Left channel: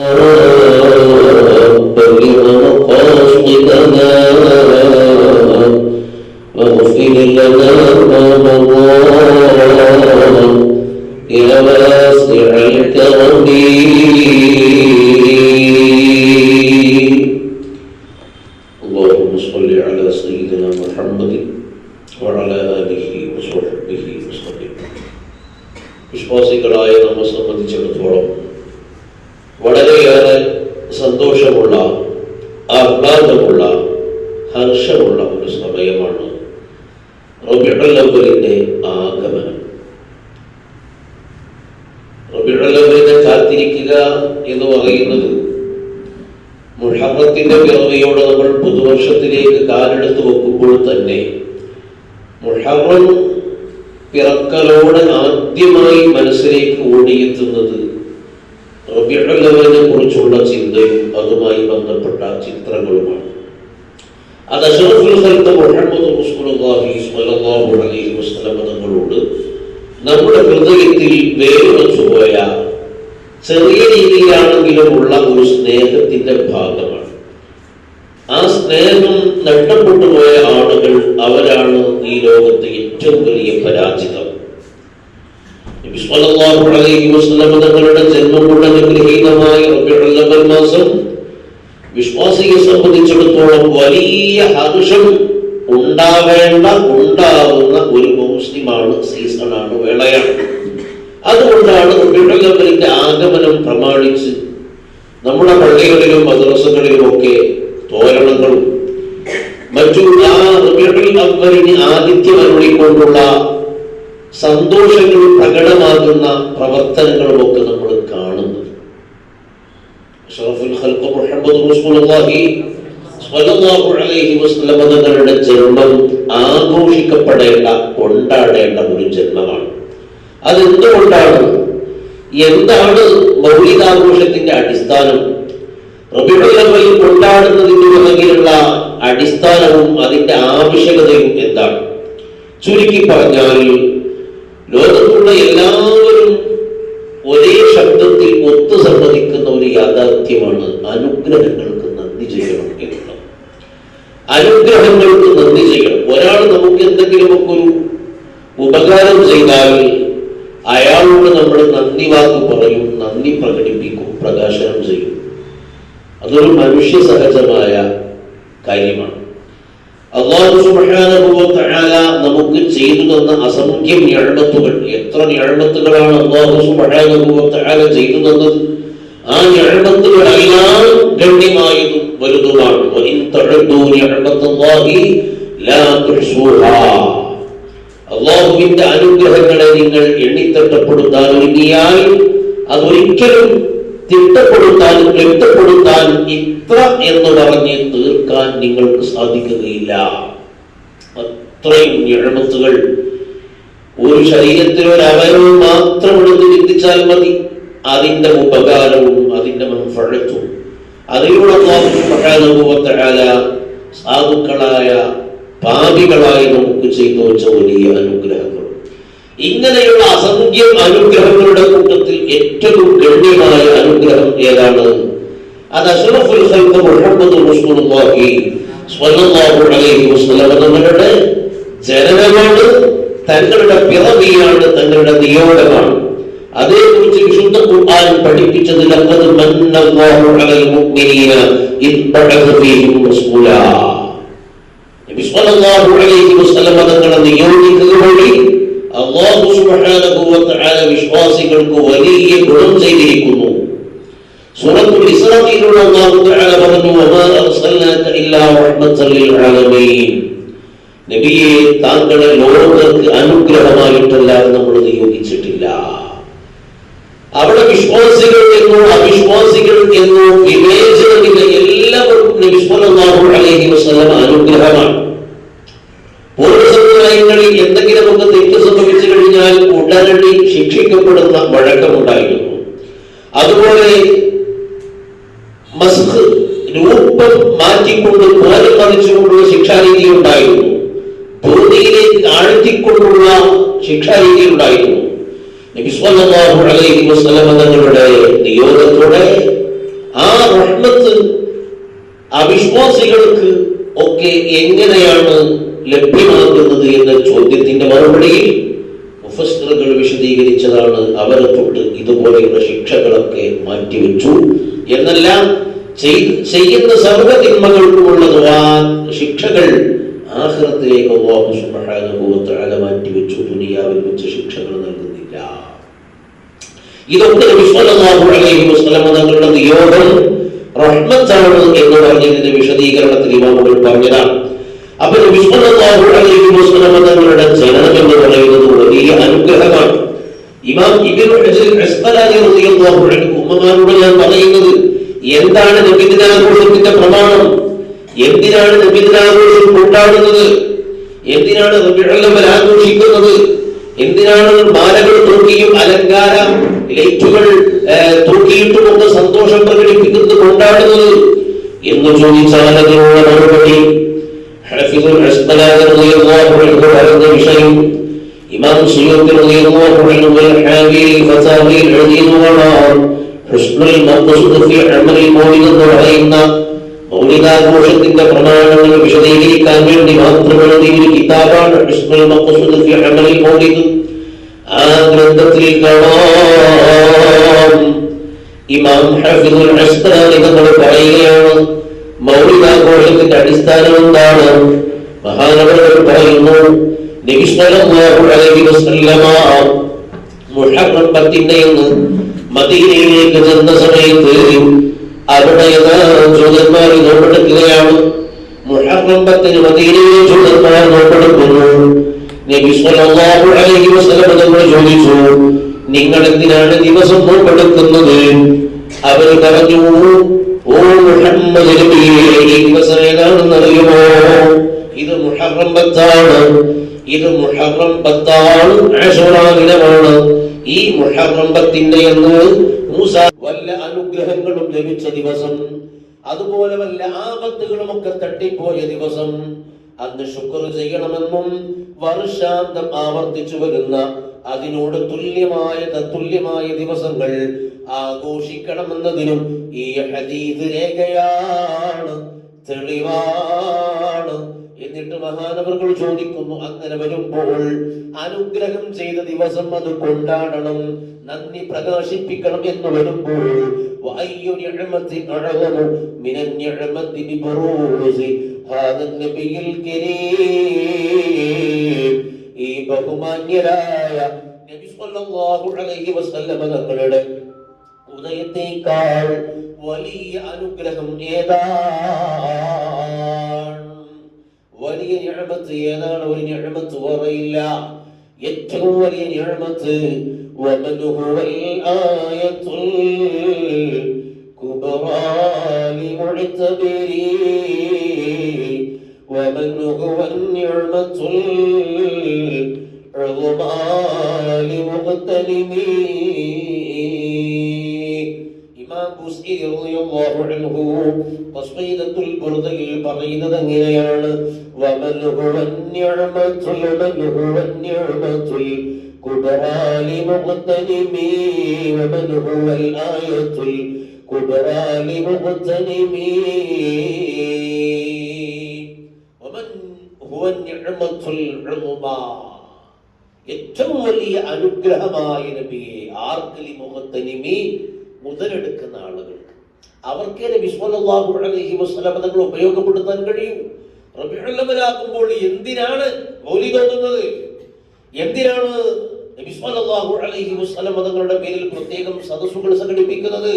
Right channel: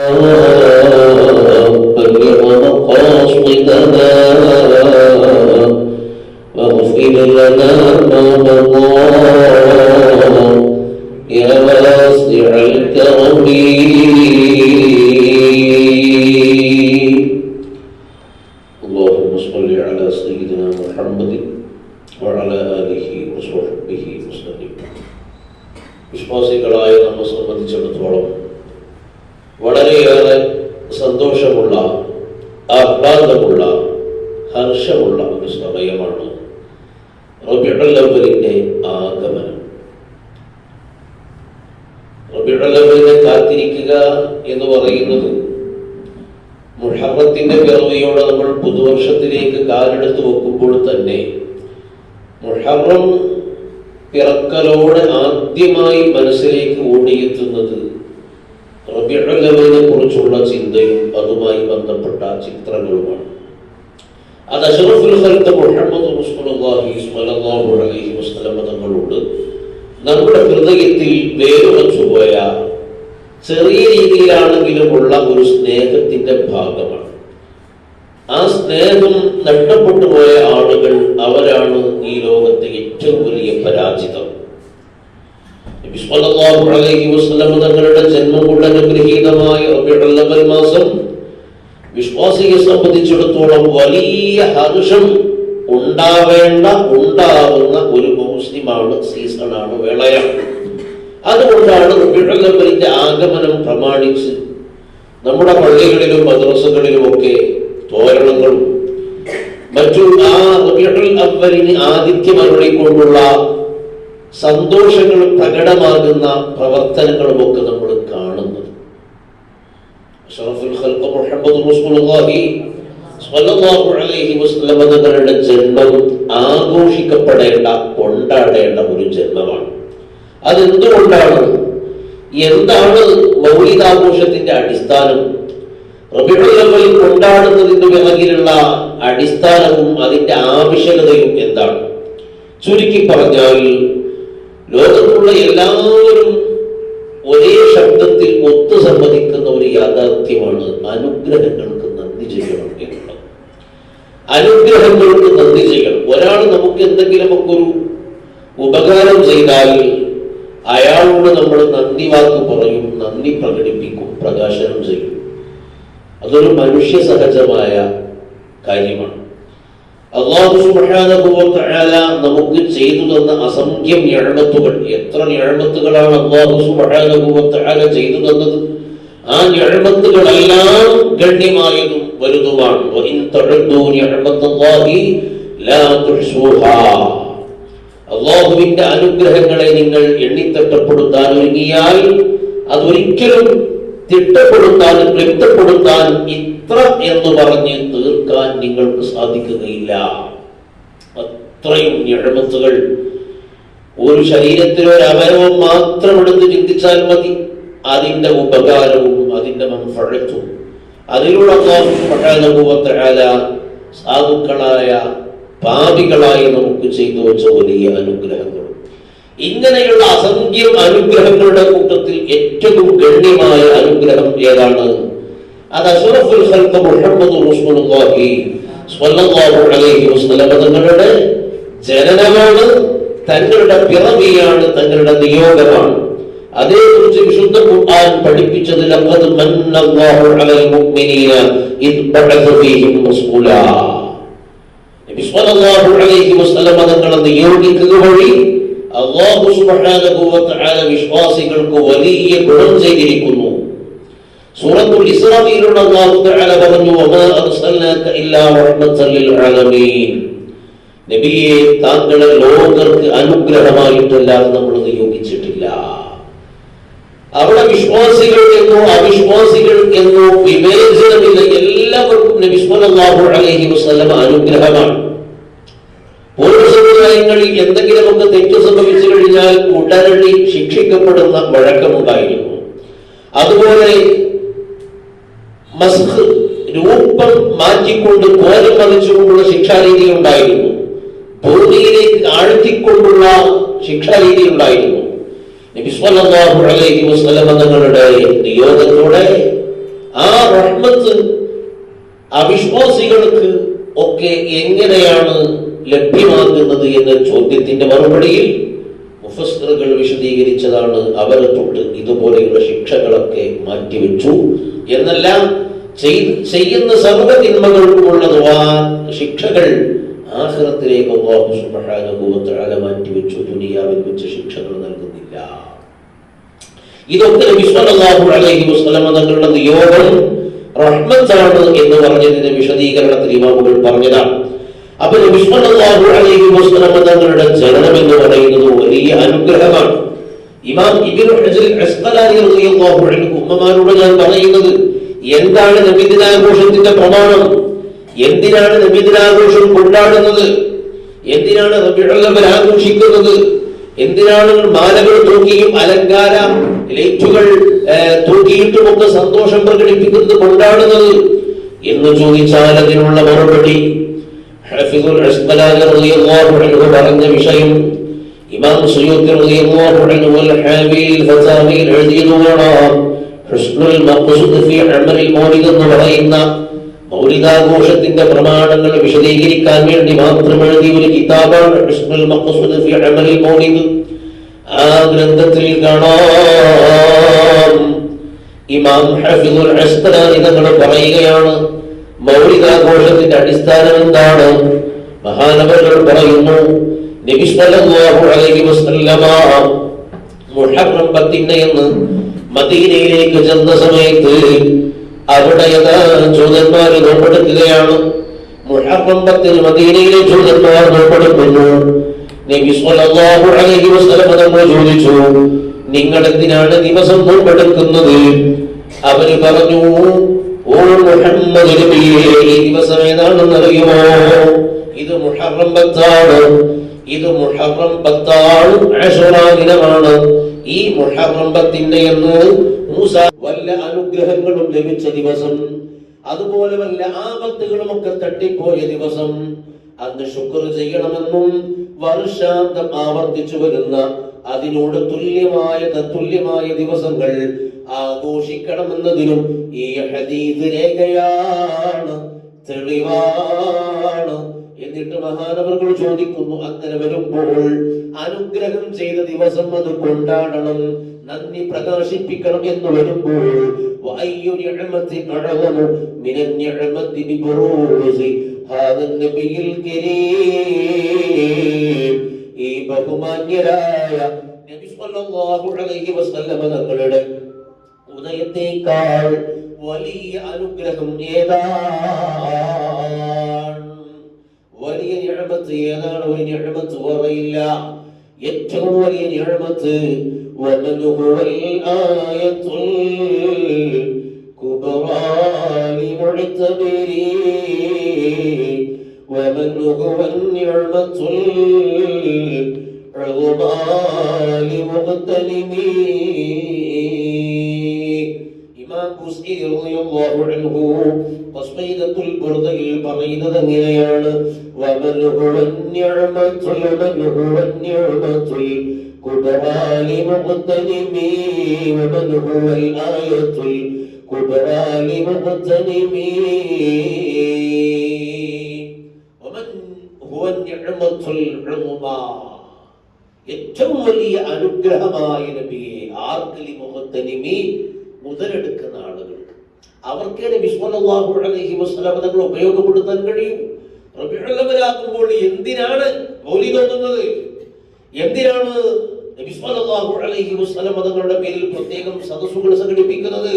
بلغ مقاصدنا واغفر لنا ما مضى يا واسع الكرم. اللهم صل على سيدنا محمد وعلى آله وصحبه وسلم. വിശ്വാസികളായ നമ്മെ സംബന്ധിച്ചിടത്തോളം വളരെയേറെ സന്തോഷമുള്ള, ആഹ്ലാദമുള്ള, ഹർഷമുള്ള ഒരു സമയമാണ് റബീഉൽ അവ്വലിന്റെ ആഗമനം. റബീഉൽ അവ്വലിനെ കാത്തിരിക്കുക എന്ന് പറയുന്നത് മുഹറത്തിന്റെ പിറവിയോടെ നമ്മൾ പുതുവർഷത്തിലേക്ക് കാലെടുത്ത് വെക്കുമ്പോൾ തന്നെ മുഹറം പിറക്കലോടെ ആദ്യമായി മനസ്സിലേക്ക് ഓടിയെത്തുന്നത് റബീഉൽ അവ്വലിനെ കുറിച്ചുള്ള ചിന്തയും അതുമായി ബന്ധപ്പെട്ട ചിത്രങ്ങളുമാണ്. അത് അഷ്റഫുൽ ഖൽഖ് മുഹമ്മദ് റസൂലുള്ളാഹി സ്വല്ലല്ലാഹു അലൈഹി വസല്ലം തങ്ങളോട് നമ്മുടെ ഹൃദയത്തിൽ വേരുറച്ചുപോയ ചെറിയ രീതിയിലാണെങ്കിലുമുള്ള ഒരു സ്നേഹത്തിന്റെ ഭാഗമാണ്. ആ സ്നേഹം നഷ്ടപ്പെട്ടു പോയ ആളുകൾ അവരാണ് ഈ ലോകത്തെ ഏറ്റവും വലിയ പരാജിതം. നബി സ്വല്ലല്ലാഹു അലൈഹി വസല്ലം തങ്ങളുടെ ജന്മം കൊണ്ട് അനുഗ്രഹീതമായ റബീഉൽ അവ്വൽ മാസം വിശ്വാസിയെ സംബന്ധിച്ചിടത്തോളം വലിയ ഹർഷം ഉണ്ടാവുന്ന ഒരു മുസ്ലിമാണ്, സീസണാണ്, വേളയാണ്. അതുകൊണ്ടാണ് റബീഉൽ അവ്വലിന്റെ ആഗമനം പ്രമാണിച്ച് നമ്മുടെ പള്ളികളിലും മദ്രസകളിലും ഒക്കെ തോരണങ്ങളും മറ്റു ആ റബീഉൽ അവ്വലിന് ആതിഥ്യം അരുളിക്കൊണ്ടുള്ള സന്തോഷങ്ങൾ പ്രകടമാകുന്ന പ്രവർത്തനങ്ങളും ഒക്കെ നമ്മൾ കാണുന്നത്. അഷ്റഫുൽ ഖൽഖ് മുഹമ്മദ് റസൂലുള്ളാഹി സ്വല്ലല്ലാഹു അലൈഹി വസല്ലം തങ്ങളുടെ ജന്മം ആഘോഷിക്കപ്പെടേണ്ട, കൊണ്ടാടേണ്ട ഒരു ജന്മമാണ്. അതെന്തുകൊണ്ടാണ്? എന്താണ് മൗലിദാഘോഷത്തിന്റെ അടിസ്ഥാനം? റബീഉൽ അവ്വൽ കൊണ്ടാടുന്നതിന് പിറകിലുള്ള അടിസ്ഥാനവും അതിന്റെ ആവശ്യകതയും എന്താണ്? ചുരുക്കി പറഞ്ഞാൽ ലോകത്തുള്ള എല്ലാവരും ഒരേ ശബ്ദത്തിൽ ഒത്തു സമ്മതിക്കുന്ന ഒരു യാഥാർത്ഥ്യമാണ് അനുഗ്രഹങ്ങൾക്ക് നന്ദി ചെയ്യണം എന്നുള്ളത്. അനുഗ്രഹങ്ങൾക്ക് നന്ദി ചെയ്യണം. ഒരാൾ നമുക്ക് എന്തെങ്കിലുമൊക്കെ ഒരു ഉപകാരം ചെയ്താൽ അയാളോട് നമ്മൾ നന്ദി വാക്ക് പറയും, നന്ദി പ്രകടിപ്പിക്കും, പ്രകാശനം ചെയ്യും. അതൊരു മനുഷ്യ സഹജമായ കാര്യമാണ്. അല്ലാഹു സുബ്ഹാനഹു വ തആല നമുക്ക് ചെയ്തു തന്ന അസംഖ്യം നിഅമത്തുകൾ, എത്ര നിഅമത്തുകളാണ് അല്ലാഹു സുബ്ഹാനഹു വ തആല ചെയ്തു തന്നത്. ആ നിഅമത്തുകളെല്ലാം ഗണ്യമായതും വലുതുമാണ്. വഇൻ തഅദ്ദു നിഅമത്തുല്ലാഹി ലാ തുഹ്സുഹാ. അല്ലാഹുവിന്റെ അനുഗ്രഹങ്ങളെ നിങ്ങൾ എണ്ണിത്തട്ടപ്പെടുത്താൻ ഒരുങ്ങിയാൽ അതൊരിക്കലും തിട്ടപ്പെടുത്താനും കെട്ടപ്പെടുത്താനും ഇത്ര എന്ന് പറഞ്ഞ് തീർക്കാൻ നിങ്ങൾക്ക് സാധിക്കുകയില്ല. അത്രയും നിഅമത്തുകൾ ഒരു ശരീരത്തിലൊരു അവയവം മാത്രം എടുത്ത് ചിന്തിച്ചാൽ മതി. അതിന്റെ ഉപകാരവും അതിന്റെ മൻഫഅത്തും അതിലൂടെ അല്ലാഹു സുബ്ഹാനഹു വ തആല സാധുക്കളായ പാപികളായി നമുക്ക് ചെയ്തു വെച്ച വലിയ അനുഗ്രഹങ്ങൾ. ഇങ്ങനെയുള്ള അസംഖ്യം അനുഗ്രഹങ്ങളുടെ കൂട്ടത്തിൽ ഏറ്റവും ഗണ്യമായ അനുഗ്രഹം ഏതാണ്? അത് അഷ്റഫുൽ ഖൽഖ് മുഹമ്മദ് റസൂലുള്ളാഹി സ്വല്ലല്ലാഹു അലൈഹി വസല്ലം തങ്ങളുടെ ജനനമാണ്, തങ്ങളുടെ പിറവിയാണ്, തങ്ങളുടെ നിയോഗമാണ്. അതേക്കുറിച്ച് വിശുദ്ധ ഖുർആൻ പഠിപ്പിച്ചത് ലഖദ് മന്നല്ലാഹു അലൽ മുഅ്മിനീന ഇദ് ബഅസ ഫീഹിം റസൂലാ. നബി സ്വല്ലല്ലാഹു അലൈഹി വസല്ലം തങ്ങളെ നിയോഗിക്കുക വഴി അല്ലാഹു സുബ്ഹാനഹു വ തആല വിശ്വാസികൾക്ക് വലിയ ഗുണം ചെയ്തിരിക്കുന്നു. സൂറത്തുൽ ഇസ്രായിലുള്ള അല്ലാഹു തആല പറഞ്ഞു, വമാ അർസൽനാക ഇല്ലാ റഹ്മത്തൻ ലിൽ ആലമീൻ. നബിയെ, താങ്കളെ ലോകർക്ക് അനുഗ്രഹമായിട്ടല്ലാതെ നമ്മൾ നിയോഗിച്ചിട്ടില്ല. അവിടെ വിശ്വാസികൾ എന്നോ അവിശ്വാസികൾ എന്നോ വിവേചനമില്ല. എല്ലാവർക്കും നബി സ്വല്ലല്ലാഹു അലൈഹി വസല്ലം അനുഗ്രഹമാണ്. പൂർവ്വ സമുദായങ്ങളിൽ എന്തെങ്കിലുമൊക്കെ തെറ്റ് സംഭവിച്ചു കഴിഞ്ഞാൽ ഉടനടി ശിക്ഷിക്കപ്പെടുന്ന വഴക്കമുണ്ടായിരുന്നു. അതുപോലെ മസ്ഖ്, രൂപം മാറ്റിക്കൊണ്ട് കോലം മതിച്ചുകൊണ്ടുള്ള ശിക്ഷാരീതി ഉണ്ടായിരുന്നു. ഭൂമിയിലേക്ക് ആഴ്ത്തിക്കൊണ്ടുള്ള ശിക്ഷാരീതി ഉണ്ടായിരുന്നു. നബി സ്വല്ലല്ലാഹു അലൈഹി വസല്ലം തങ്ങളുടെ നിയോഗത്തോടെ അവിശ്വാസികൾക്ക് ഒക്കെ എങ്ങനെയാണ് ലഭ്യമാകുന്നത് എന്ന ചോദ്യത്തിന്റെ മറുപടിയിൽ മുഫസ്സിറുകൾ വിശദീകരിച്ചതാണ് അവരെ തൊട്ട് ഇതുപോലെയുള്ള ശിക്ഷകളൊക്കെ മാറ്റിവെച്ചു എന്നെല്ലാം. ചെയ്യുന്ന സർവ്വ തിന്മകൾക്കുമുള്ള ശിക്ഷകൾ ആഖിറത്തിലേക്ക് അല്ലാഹു സുബ്ഹാനഹു വ തആല മാറ്റിവെച്ചു. ദുനിയാവിൽ വെച്ച് ശിക്ഷകൾ നൽകുന്നില്ല. ഇതൊക്കെ നബി സല്ലല്ലാഹു അലൈഹി വസല്ലം തങ്ങളുടെ നിയോഗം റഹ്മത്താണ് എന്ന് പറഞ്ഞതിന്റെ വിശദീകരണത്തിൽ ഇമാമുകൾ പറഞ്ഞതാണ്. അപ്പൊ നബി സല്ലല്ലാഹു അലൈഹി വസല്ലം തങ്ങളുടെ ജനനം എന്ന് പറയുന്നത് വലിയ അനുഗ്രഹമാണ്. ഇമാം ഇബ്നു ഹജർ അസ്ഖലാനി റളിയല്ലാഹു അൻഹു ഉമ്മമാരോട് ഞാൻ പറയുന്നത്, എന്താണ് നബിദിനാഘോഷത്തിന്റെ പ്രമാണം? എന്തിനാണ് നബിദിനാഘോഷം കൊണ്ടാടുന്നത്? എന്തിനാണ് റബീഉൽ അവ്വൽ ആഘോഷിക്കുന്നത്? എന്തിനാണ് മാലകൾ തൂക്കിയും അലങ്കാര ലൈറ്റുകൾ തൂക്കിയിട്ടുമൊക്കെ സന്തോഷം പ്രകടിപ്പിക്കുന്നത്, കൊണ്ടാടുന്നത് എന്ന് ചോദിച്ചാൽ അതിനുള്ള മറുപടി ഹഫീദുൽ അസ്ഖലാനി റളിയല്ലാഹു അൻഹു പറഞ്ഞ വിഷയം ഇമാം സുയൂത്തി റളിയല്ലാഹു അൻഹു ഹാവിൽ ഫതാവിൽ എഴുതിയതാണ്. ഹുസ്നുൽ മഖ്സൂദ് ഫി അമലി മൗലിദ് എന്ന് പറയുന്ന മൗലിദാഘോഷത്തിന്റെ പ്രമാണങ്ങൾ വിശദീകരിക്കാൻ വേണ്ടി മാത്രം എഴുതിയ ഒരു കിതാബാണ് ഹുസ്നുൽ മഖ്സൂദ് ഫി അമലി മൗലിദ്. ആ ഗ്രന്ഥത്തിൽ കാണാം ഇമാം ഹഫീദുൽ അസ്ഖലാനി തങ്ങൾ പറയുകയാണ്, മൗലിദാഘോഷത്തിന്റെ അടിസ്ഥാനം എന്താണ്? മഹാനവറുകൾ പറയുന്നു, നബി സല്ലല്ലാഹു അലൈഹി വസല്ലമ മുഹറം 10 മദീനയിലേക്ക് ചെന്ന സമയത്ത് അവിടെ ജൂതന്മാർ നോമ്പെടുക്കുകയാണ്. മുഹറം 10 മദീനയിലെ ജൂതന്മാർ നോമ്പെടുക്കുന്നു. നബി സല്ലല്ലാഹു അലൈഹി വസല്ലം തങ്ങൾ ചോദിച്ചു, നിങ്ങൾ എന്തിനാണ് ദിവസം നോമ്പെടുക്കുന്നത്? അവർ പറഞ്ഞു, ഓ മുഹമ്മദ് നബിയേ, ഈ ദിവസം ഏതാണെന്ന് അറിയുമോ? ഇത് മുഹറം 10 ഇത് മുഹറം 10 ആശൂറാ ദിനമാണ്. ഈ മുഹറം 10 എന്ന് മൂസ വല്ല അനുഗ്രഹങ്ങളും ലഭിച്ച ദിവസം, അതുപോലെ വല്ല ആപത്തുകളുമൊക്കെ തട്ടിപ്പോയ ദിവസം, അന്ന് ശുക്ർ ചെയ്യണമെന്നും വർഷാന്തം ആവർത്തിച്ചു വരുന്ന അതിനോട് തുല്യമായ ദിവസങ്ങൾ ആഘോഷിക്കണമെന്നതിനും ഈ ഹദീസ് രേഖയാണ്, തെളിവാണ്. എന്നിട്ട് മഹാനവറുകൾ ചോദിക്കുന്നു, അങ്ങനെ വരുമ്പോൾ അനുഗ്രഹം ചെയ്ത ദിവസം അത് കൊണ്ടാടണം, നന്ദി പ്രകാശിപ്പിക്കണം എന്ന് വരുമ്പോൾ ഈ ബഹുമാന്യരായ നബി സല്ലല്ലാഹു അലൈഹി വസല്ലം തങ്ങളുടെ ഉദയത്തേക്കാൾ വലിയ അനുഗ്രഹം ഏതാണ്? വലിയ നിഅമത്ത് ഏതാണ്? ഒരു നിഅമത്ത് പറയില്ല. ഏറ്റവും വലിയ നിഅമത്ത് വമൻ ഹുവൽ ആയത്തുൽ കുബ്റാ ലിമുഅ്തബരി വമൻ ഹുവൻ നിഅമത്തുൽ ഉദ്മാ ലിമുഖ്തലിമി. ഇമാം ബുസ്രി റളിയല്ലാഹു അൻഹു ഖസ്ീദത്തുൽ ബുർദയിൽ പറയുന്നത് എങ്ങനെയാണ്? വമൻ ഹുവൻ നിഅമത്തുൽ കുബ്റാ ലിമുഖ്തലിമി വമൻ ഹുവൽ ആയത്തുൽ കുബ്റാ ലിമുഖ്തലിമി വമൻ ഹുവൻ നിഅമത്തുൽ ഉദ്മാ. ഏറ്റവും വലിയ അനുഗ്രഹമായ നബിയെ ആർക്ക്? ലിമുഖ്തലിമി, മുതലെടുക്കുന്ന ആളുകൾ. അവർക്ക് നബി സല്ലല്ലാഹു അലൈഹി വസല്ലം തങ്ങൾ ഉപയോഗപ്പെടുത്താൻ കഴിയും. റബീഉൽ അവ്വലാകുമ്പോൾ എന്തിനാണ് മൗലിദ് ഓതുന്നത്? എന്തിനാണ് നബി സല്ലല്ലാഹു അലൈഹി വസല്ലം തങ്ങളുടെ പേരിൽ പ്രത്യേകം സദസ്സുകൾ സംഘടിപ്പിക്കുന്നത്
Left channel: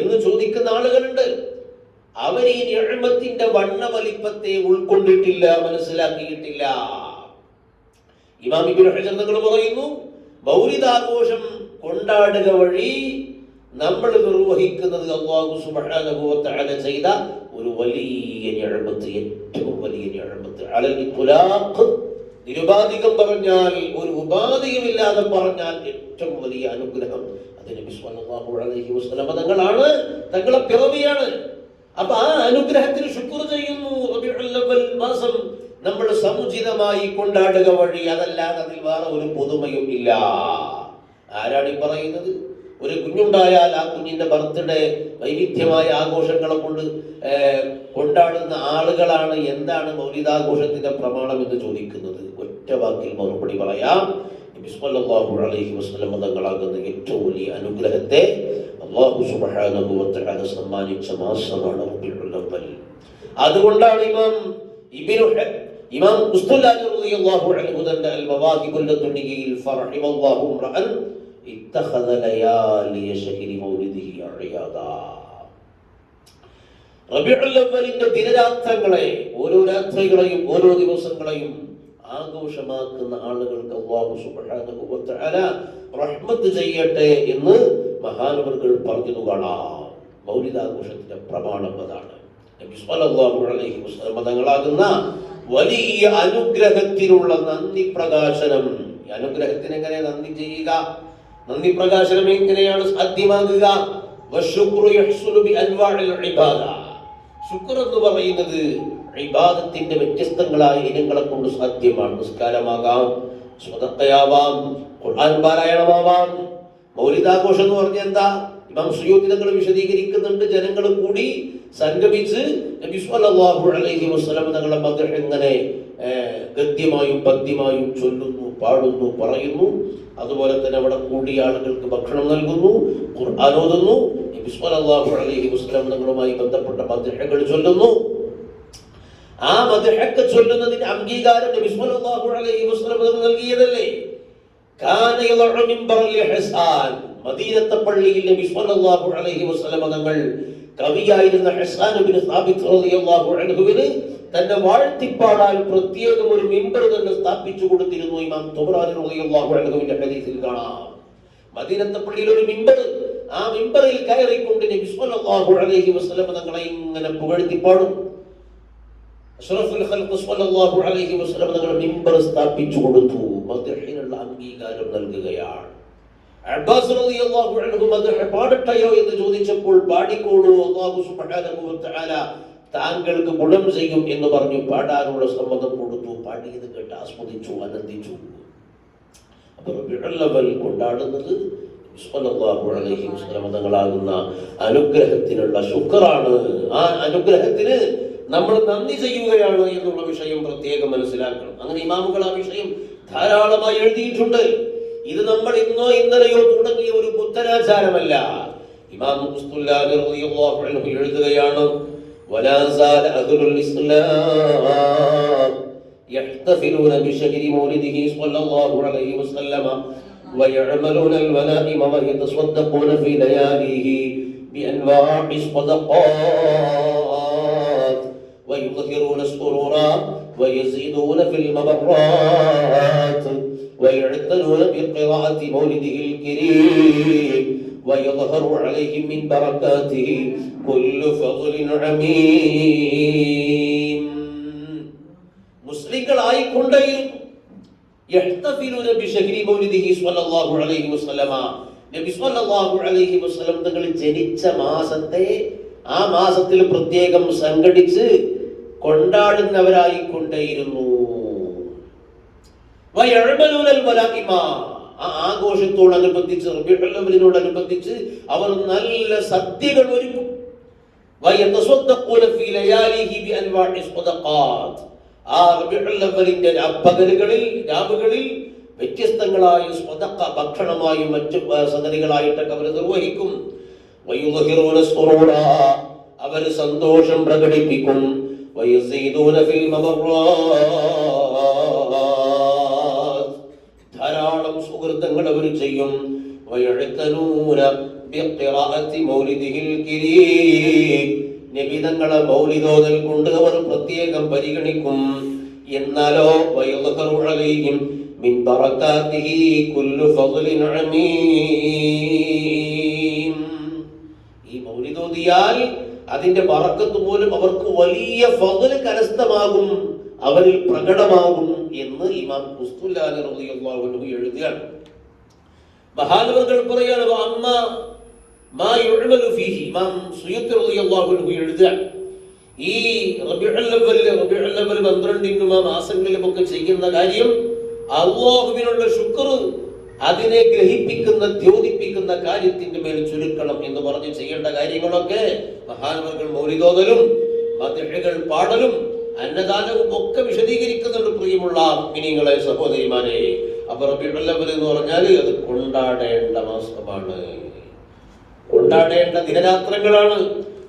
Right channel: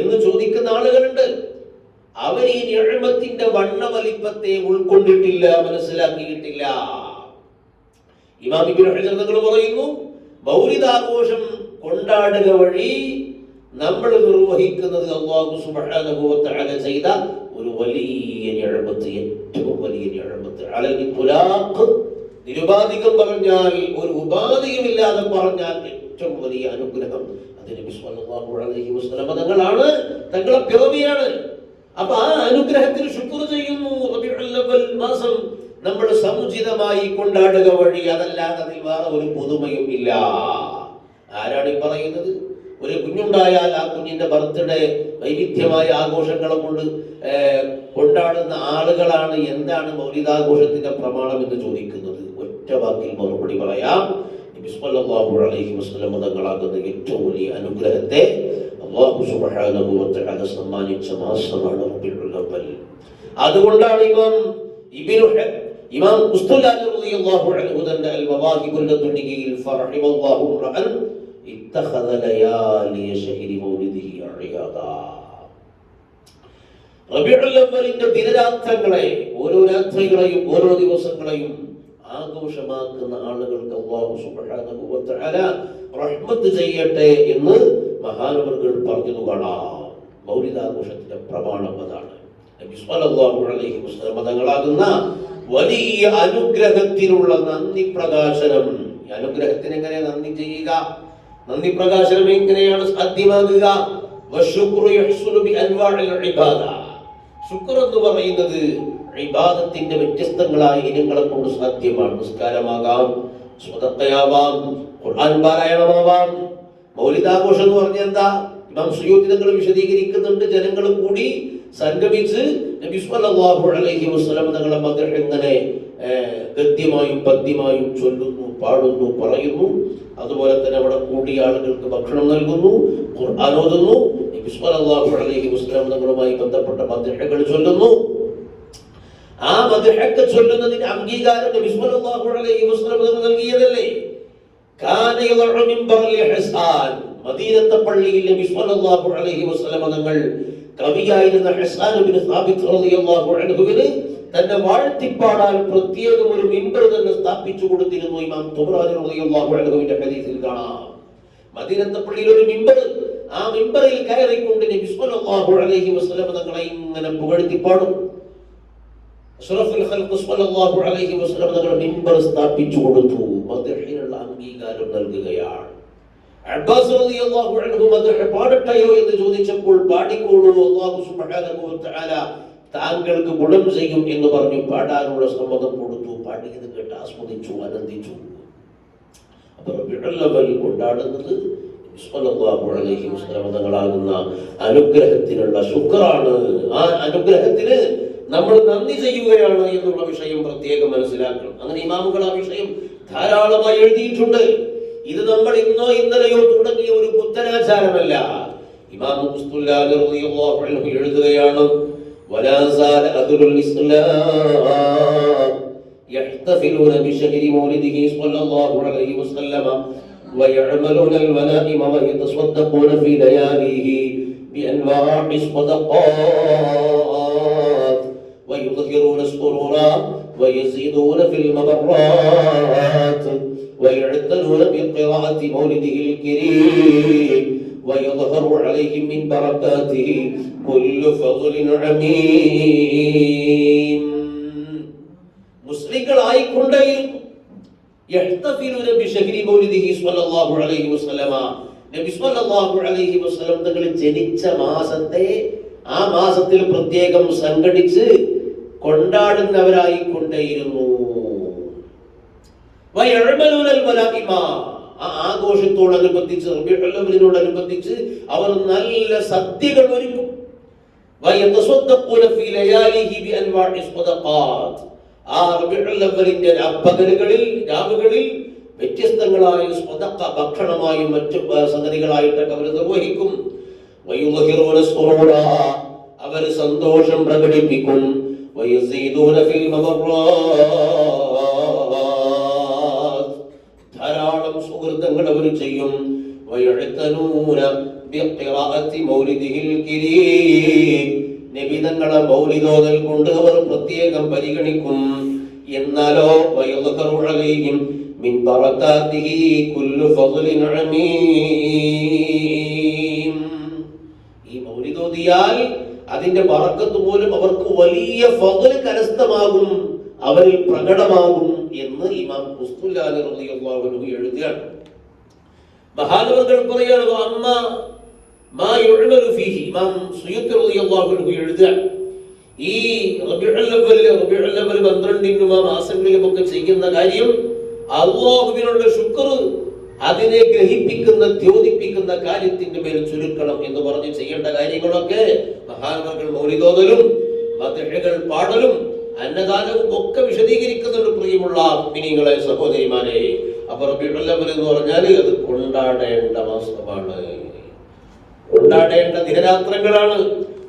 എന്ന് ചോദിക്കുന്ന ആളുകളുണ്ട്. അവർ ഈ നിഅമത്തിന്റെ വണ്ണവലിപ്പത്തെ ഉൾക്കൊണ്ടിട്ടില്ല, മനസ്സിലാക്കിയിട്ടില്ല. ഇമാം ഇബ്നു ഹജർ തങ്ങൾ പറയുന്നു, മൗലിദാഘോഷം കൊണ്ടാടുക വഴി നമ്മൾ നിർവഹിക്കുന്നത് അല്ലാഹു സുബ്ഹാനഹു വ തആല ചെയ്ത ഒരു വലിയ നിഅമത്ത്, ഏറ്റവും വലിയ നിഅമത്ത്. അലൽ ഇത്ലാഖ്, നിരുപാധികം പറഞ്ഞാൽ, ഒരു ഉപാധിയുമില്ലാതെ പറഞ്ഞാൽ ഏറ്റവും വലിയ അനുഗ്രഹം അത് നബി സല്ലല്ലാഹു അലൈഹി വസല്ലം തങ്ങളാണ്, തങ്ങളെ പിറവിയാണ്. അപ്പൊ ആ അനുഗ്രഹത്തിൽ ശുക്ർ ചെയ്യുന്നു. റബീഉൽ അവ്വൽ മാസം നമ്മൾ സമുചിതമായി കൊണ്ടാടുക വഴി, അതല്ലാതെ അതിൽ വേറെ ഒരു പുതുമയും ഇല്ല. ആരാണ് ഈ പറയുന്നത്? ഒരു കുഞ്ഞുണ്ടായാൽ ആ കുഞ്ഞിന്റെ ബർത്ത്ഡേ വൈവിധ്യമായ ആഘോഷങ്ങളെ കൊണ്ട് കൊണ്ടാടുന്ന ആളുകളാണ് എന്താണ് മൗലിദാഘോഷത്തിന്റെ പ്രമാണം എന്ന് ചോദിക്കുന്നത്. ഒറ്റ വാക്കിൽ മറുപടി പറയാം, നബി സല്ലല്ലാഹു അലൈഹി വസല്ലം തങ്ങളാകുന്ന ഏറ്റവും വലിയ അനുഗ്രഹത്തെ അല്ലാഹു സുബ്ഹാനഹു വ തആല സമ്മാനിച്ച മാസമാണ് റബീഉൽ അവ്വൽ. അതുകൊണ്ടാണ് ഇമാം ഖുസ്തുലാനി റളിയല്ലാഹു അൻഹു തന്റെ അൽ മവാഹിബുൽ ലദുനിയിൽ ഫറഹിമല്ലാഹു റഅൻ ഇത്തഖദ ലയാലി ശഹരി മൗലിദിഹി അയാദാ. റബീഉൽ അവ്വലിന്റെ ദിനരാത്രങ്ങളെ, ഓരോ രാത്രികളെയും ഓരോ ദിവസങ്ങളെയും ആഘോഷമാക്കുന്ന ആളുകൾക്ക് അല്ലാഹു സുബ്ഹാനഹു വ തആല റഹ്മത്ത് ചെയ്യട്ടെ എന്ന് മഹാനവറുകൾ പറഞ്ഞു കാണാം. മൗലിദാഘോഷത്തിന്റെ പ്രമാണം അതാണ്. നബി സല്ലല്ലാഹു അലൈഹി വസല്ലം തങ്ങളാകുന്ന വലിയ അനുഗ്രഹത്തിലുള്ള നന്ദി പ്രകാശനം. ഈ അനുഗ്രഹത്തിന് എങ്ങനെ നന്ദി ചെയ്യുക, നന്ദി പ്രകാശനം എങ്ങനെയാണ് സാധ്യമാകുക? ശുക്ർ എന്ന് പറയുന്നത് ഇബാദത്തിന്റെ വ്യത്യസ്തങ്ങളായ ഇനങ്ങളെ കൊണ്ട് സാധ്യമാണ്. നിസ്കാരമാകാം, സ്വതക്കയാവാം, ഖുർആൻ പാരായണമാവാം. മൗലിദാഘോഷം എന്ന് പറഞ്ഞാൽ എന്താ? ഇമാം സുയൂത്തി തങ്ങൾ വിശദീകരിക്കുന്നുണ്ട്. ജനങ്ങൾ കൂടി സംഗമിച്ച് നബി സല്ലല്ലാഹു അലൈഹി വസല്ലം തങ്ങളെ മദ്ഹ് എങ്ങനെ ഗദ്യമായും പദ്യമായും ചൊല്ലുന്നു, പാടുന്നു, പറയുന്നു. അതുപോലെ തന്നെ അവിടെ കൂടിയ ആളുകൾക്ക് ഭക്ഷണം നൽകുന്നു, ഖുർആൻ ഓതുന്നു, നബി സല്ലല്ലാഹു അലൈഹി വസല്ലം തങ്ങളുമായി ബന്ധപ്പെട്ട മദ്ഹുകൾ ചൊല്ലുന്നു. ആ മദ്ഹൊക്കെ ചൊല്ലുന്നതിന് അംഗീകാരം നബി സല്ലല്ലാഹു അലൈഹി വസല്ലം തങ്ങൾ നൽകിയതല്ലേ? മദീനത്തെ പള്ളിയിൽ നബി സല്ലല്ലാഹു അലൈഹി വസല്ലം തങ്ങൾ കവിയായിരുന്ന ഹസ്സാൻ ഇബ്നു സാബിത്ത് റളിയല്ലാഹു അൻഹുവിന് തന്റെ വാഴ്ത്തിപ്പാടാൻ പ്രത്യേകം ഒരു മിമ്പർ തന്നെ സ്ഥാപിച്ചു കൊടുത്തിരുന്നു. ഇമാം തുബ്രാനി റളിയല്ലാഹു അൻഹുവിന്റെ ഹദീസിൽ കാണാം. മദീനത്തെ പള്ളിയിൽ ഒരു മിമ്പർ, ആ മിമ്പറിൽ കയറിക്കൊണ്ട് നബി സല്ലല്ലാഹു അലൈഹി വസല്ലം തങ്ങളെ ഇങ്ങനെ പുകഴ്ത്തിപ്പാടും. അഷ്റഫുൽ ഖൽഖ് സല്ലല്ലാഹു അലൈഹി വസല്ലം തങ്ങൾ മിമ്പർ സ്ഥാപിച്ചു കൊടുത്തു. മദ്ഹിനുള്ള അംഗീകാരം നൽകുകയാണ്. അബ്ബാസ് റളിയല്ലാഹു അൻഹു മദ്ഹ് പാടട്ടെയോ എന്ന് ചോദിച്ചപ്പോൾ പാടിക്കോളൂ, അല്ലാഹു സുബ്ഹാനഹു വ തആല താങ്കൾക്ക് ഗുണം ചെയ്യും എന്ന് പറഞ്ഞു പാടാനുള്ള സമ്മതം കൊടുത്തു. പാടിയത് കേട്ട് ആസ്വദിച്ചു, ആനന്ദിച്ചു. അപ്പോൾ റബീഉൽ അവ്വൽ കൊണ്ടാടുന്നത് സല്ലല്ലാഹു അലൈഹി വസല്ലം തങ്ങളാകുന്ന അനുഗ്രഹത്തിനുള്ള ശുക്റാണ്. ആ അനുഗ്രഹത്തിന് നമ്മൾ നന്ദി ചെയ്യുകയാണ് എന്നുള്ള വിഷയം പ്രത്യേകം മനസ്സിലാക്കണം. അങ്ങനെ ഇമാമുകൾ ആ വിഷയം ധാരാളമായി എഴുതിയിട്ടുണ്ട്. ഇത് നമ്മൾ ഇന്നോ ഇന്നലെയോ തുടങ്ങിയ ഒരു പുത്തനാചാരമല്ല. ഇമാം ഖുസ്തുലാനി റളിയല്ലാഹു അൻഹു എഴുതുകയാണ്, വലാ സാല അഹ്ലുൽ ഇസ്ലാം യഹ്തഫിലൂന ബിശഹരി മൗലിദിഹി സ്വല്ലല്ലാഹു അലൈഹി വസല്ലം വയഅമലൂന അൽമനാഇമ വയതസദ്ദഖൂന ഫീ ലയാലിഹി ബിഅൻവാഇ സ്വദഖാത്ത് വയുദ്ഹിറൂന السرورا ويزيدون في المبرات ويعتنون بقراءة مولده الكريم ويظهر عليهم من بركاته كل فضل عميم. മുസ്ലിങ്ങളായി കൊണ്ടേയും യഹ്തഫിലൂന ബിശഹരി മൗലിദിഹി സ്വല്ലല്ലാഹു അലൈഹി വസല്ലമ, നബി സ്വല്ലല്ലാഹു അലൈഹി വസല്ലം തങ്ങൾ ജനിച്ച മാസത്തെ ആ മാസത്തിൽ പ്രത്യേകം സംഘടിച്ച് കൊണ്ടാടുന്നവരായി കൊണ്ടേയിരുന്നു. ആ ആഘോഷത്തോടനുബന്ധിച്ച് റബീഉൽ അവ്വലിനോടനുബന്ധിച്ച് അവർ നല്ല സദ്യകൾ ഒരുക്കും. ആ റബീഉൽ അവ്വലിന്റെ രാവുകളിൽ വ്യത്യസ്തങ്ങളായ സ്വദഖ ഭക്ഷണമായും മറ്റു സംഗതികളായിട്ടൊക്കെ അവർ നിർവഹിക്കും. അവർ സന്തോഷം പ്രകടിപ്പിക്കും. ധാരാളം സുഹൃത്തുക്കൾ അവർ ചെയ്യും. നബി തങ്ങളെ മൗലിദോദൽ കൊണ്ട് അവർ പ്രത്യേകം പരിഗണിക്കും. എന്നാലോ മിൻ ബറകാതിഹി കുല്ലു ഫദ്ലിൻ അമീം, ഈ മൗലിദോദിയാൽ അതിന്റെ ബറക്കത്ത് പോലും അവർക്ക് വലിയ ഫദ്ൽ കരസ്ഥമാകും, അവരിൽ പ്രകടമാകും എന്ന് ഇമാം ഖുസ്തുലാനി റളിയല്ലാഹു അൻഹു എഴുതുകയാണ്. മഹാനവറുകൾ പറയുകയാണ്, അമ്മ മാ യുഅമലു ഫീഹി, ഇമാം സുയൂത്തി റളിയല്ലാഹു അൻഹു എഴുതുകയാണ്, ഈ റബീഉൽ അവ്വൽ 12 മാസങ്ങളിലുമൊക്കെ ചെയ്യുന്ന കാര്യം അല്ലാഹുവിനുള്ള ശുക്ർ, അതിനെ ഗ്രഹിപ്പിക്കുന്ന ദ്യോതിപ്പിക്കുന്ന കാര്യത്തിന്റെ മേൽ ചുരുക്കണം എന്ന് പറഞ്ഞ് ചെയ്യേണ്ട കാര്യങ്ങളൊക്കെ മഹാന്മാர்கள் മൗലിദോദലും മദ്ഹുകൾ പാടലും അന്നദാനവും ഒക്കെ വിശദീകരിക്കുന്നുണ്ട്. പ്രിയമുള്ള മുഅ്മിനീങ്ങളെ, സഹോദരിമാരെ, അപ്പോൾ റബീഉൽ അവ്വൽ എന്ന് പറഞ്ഞാൽ അത് കൊണ്ടാടേണ്ട മാസമാണ്, കൊണ്ടാടേണ്ട ദിനരാത്രങ്ങളാണ്.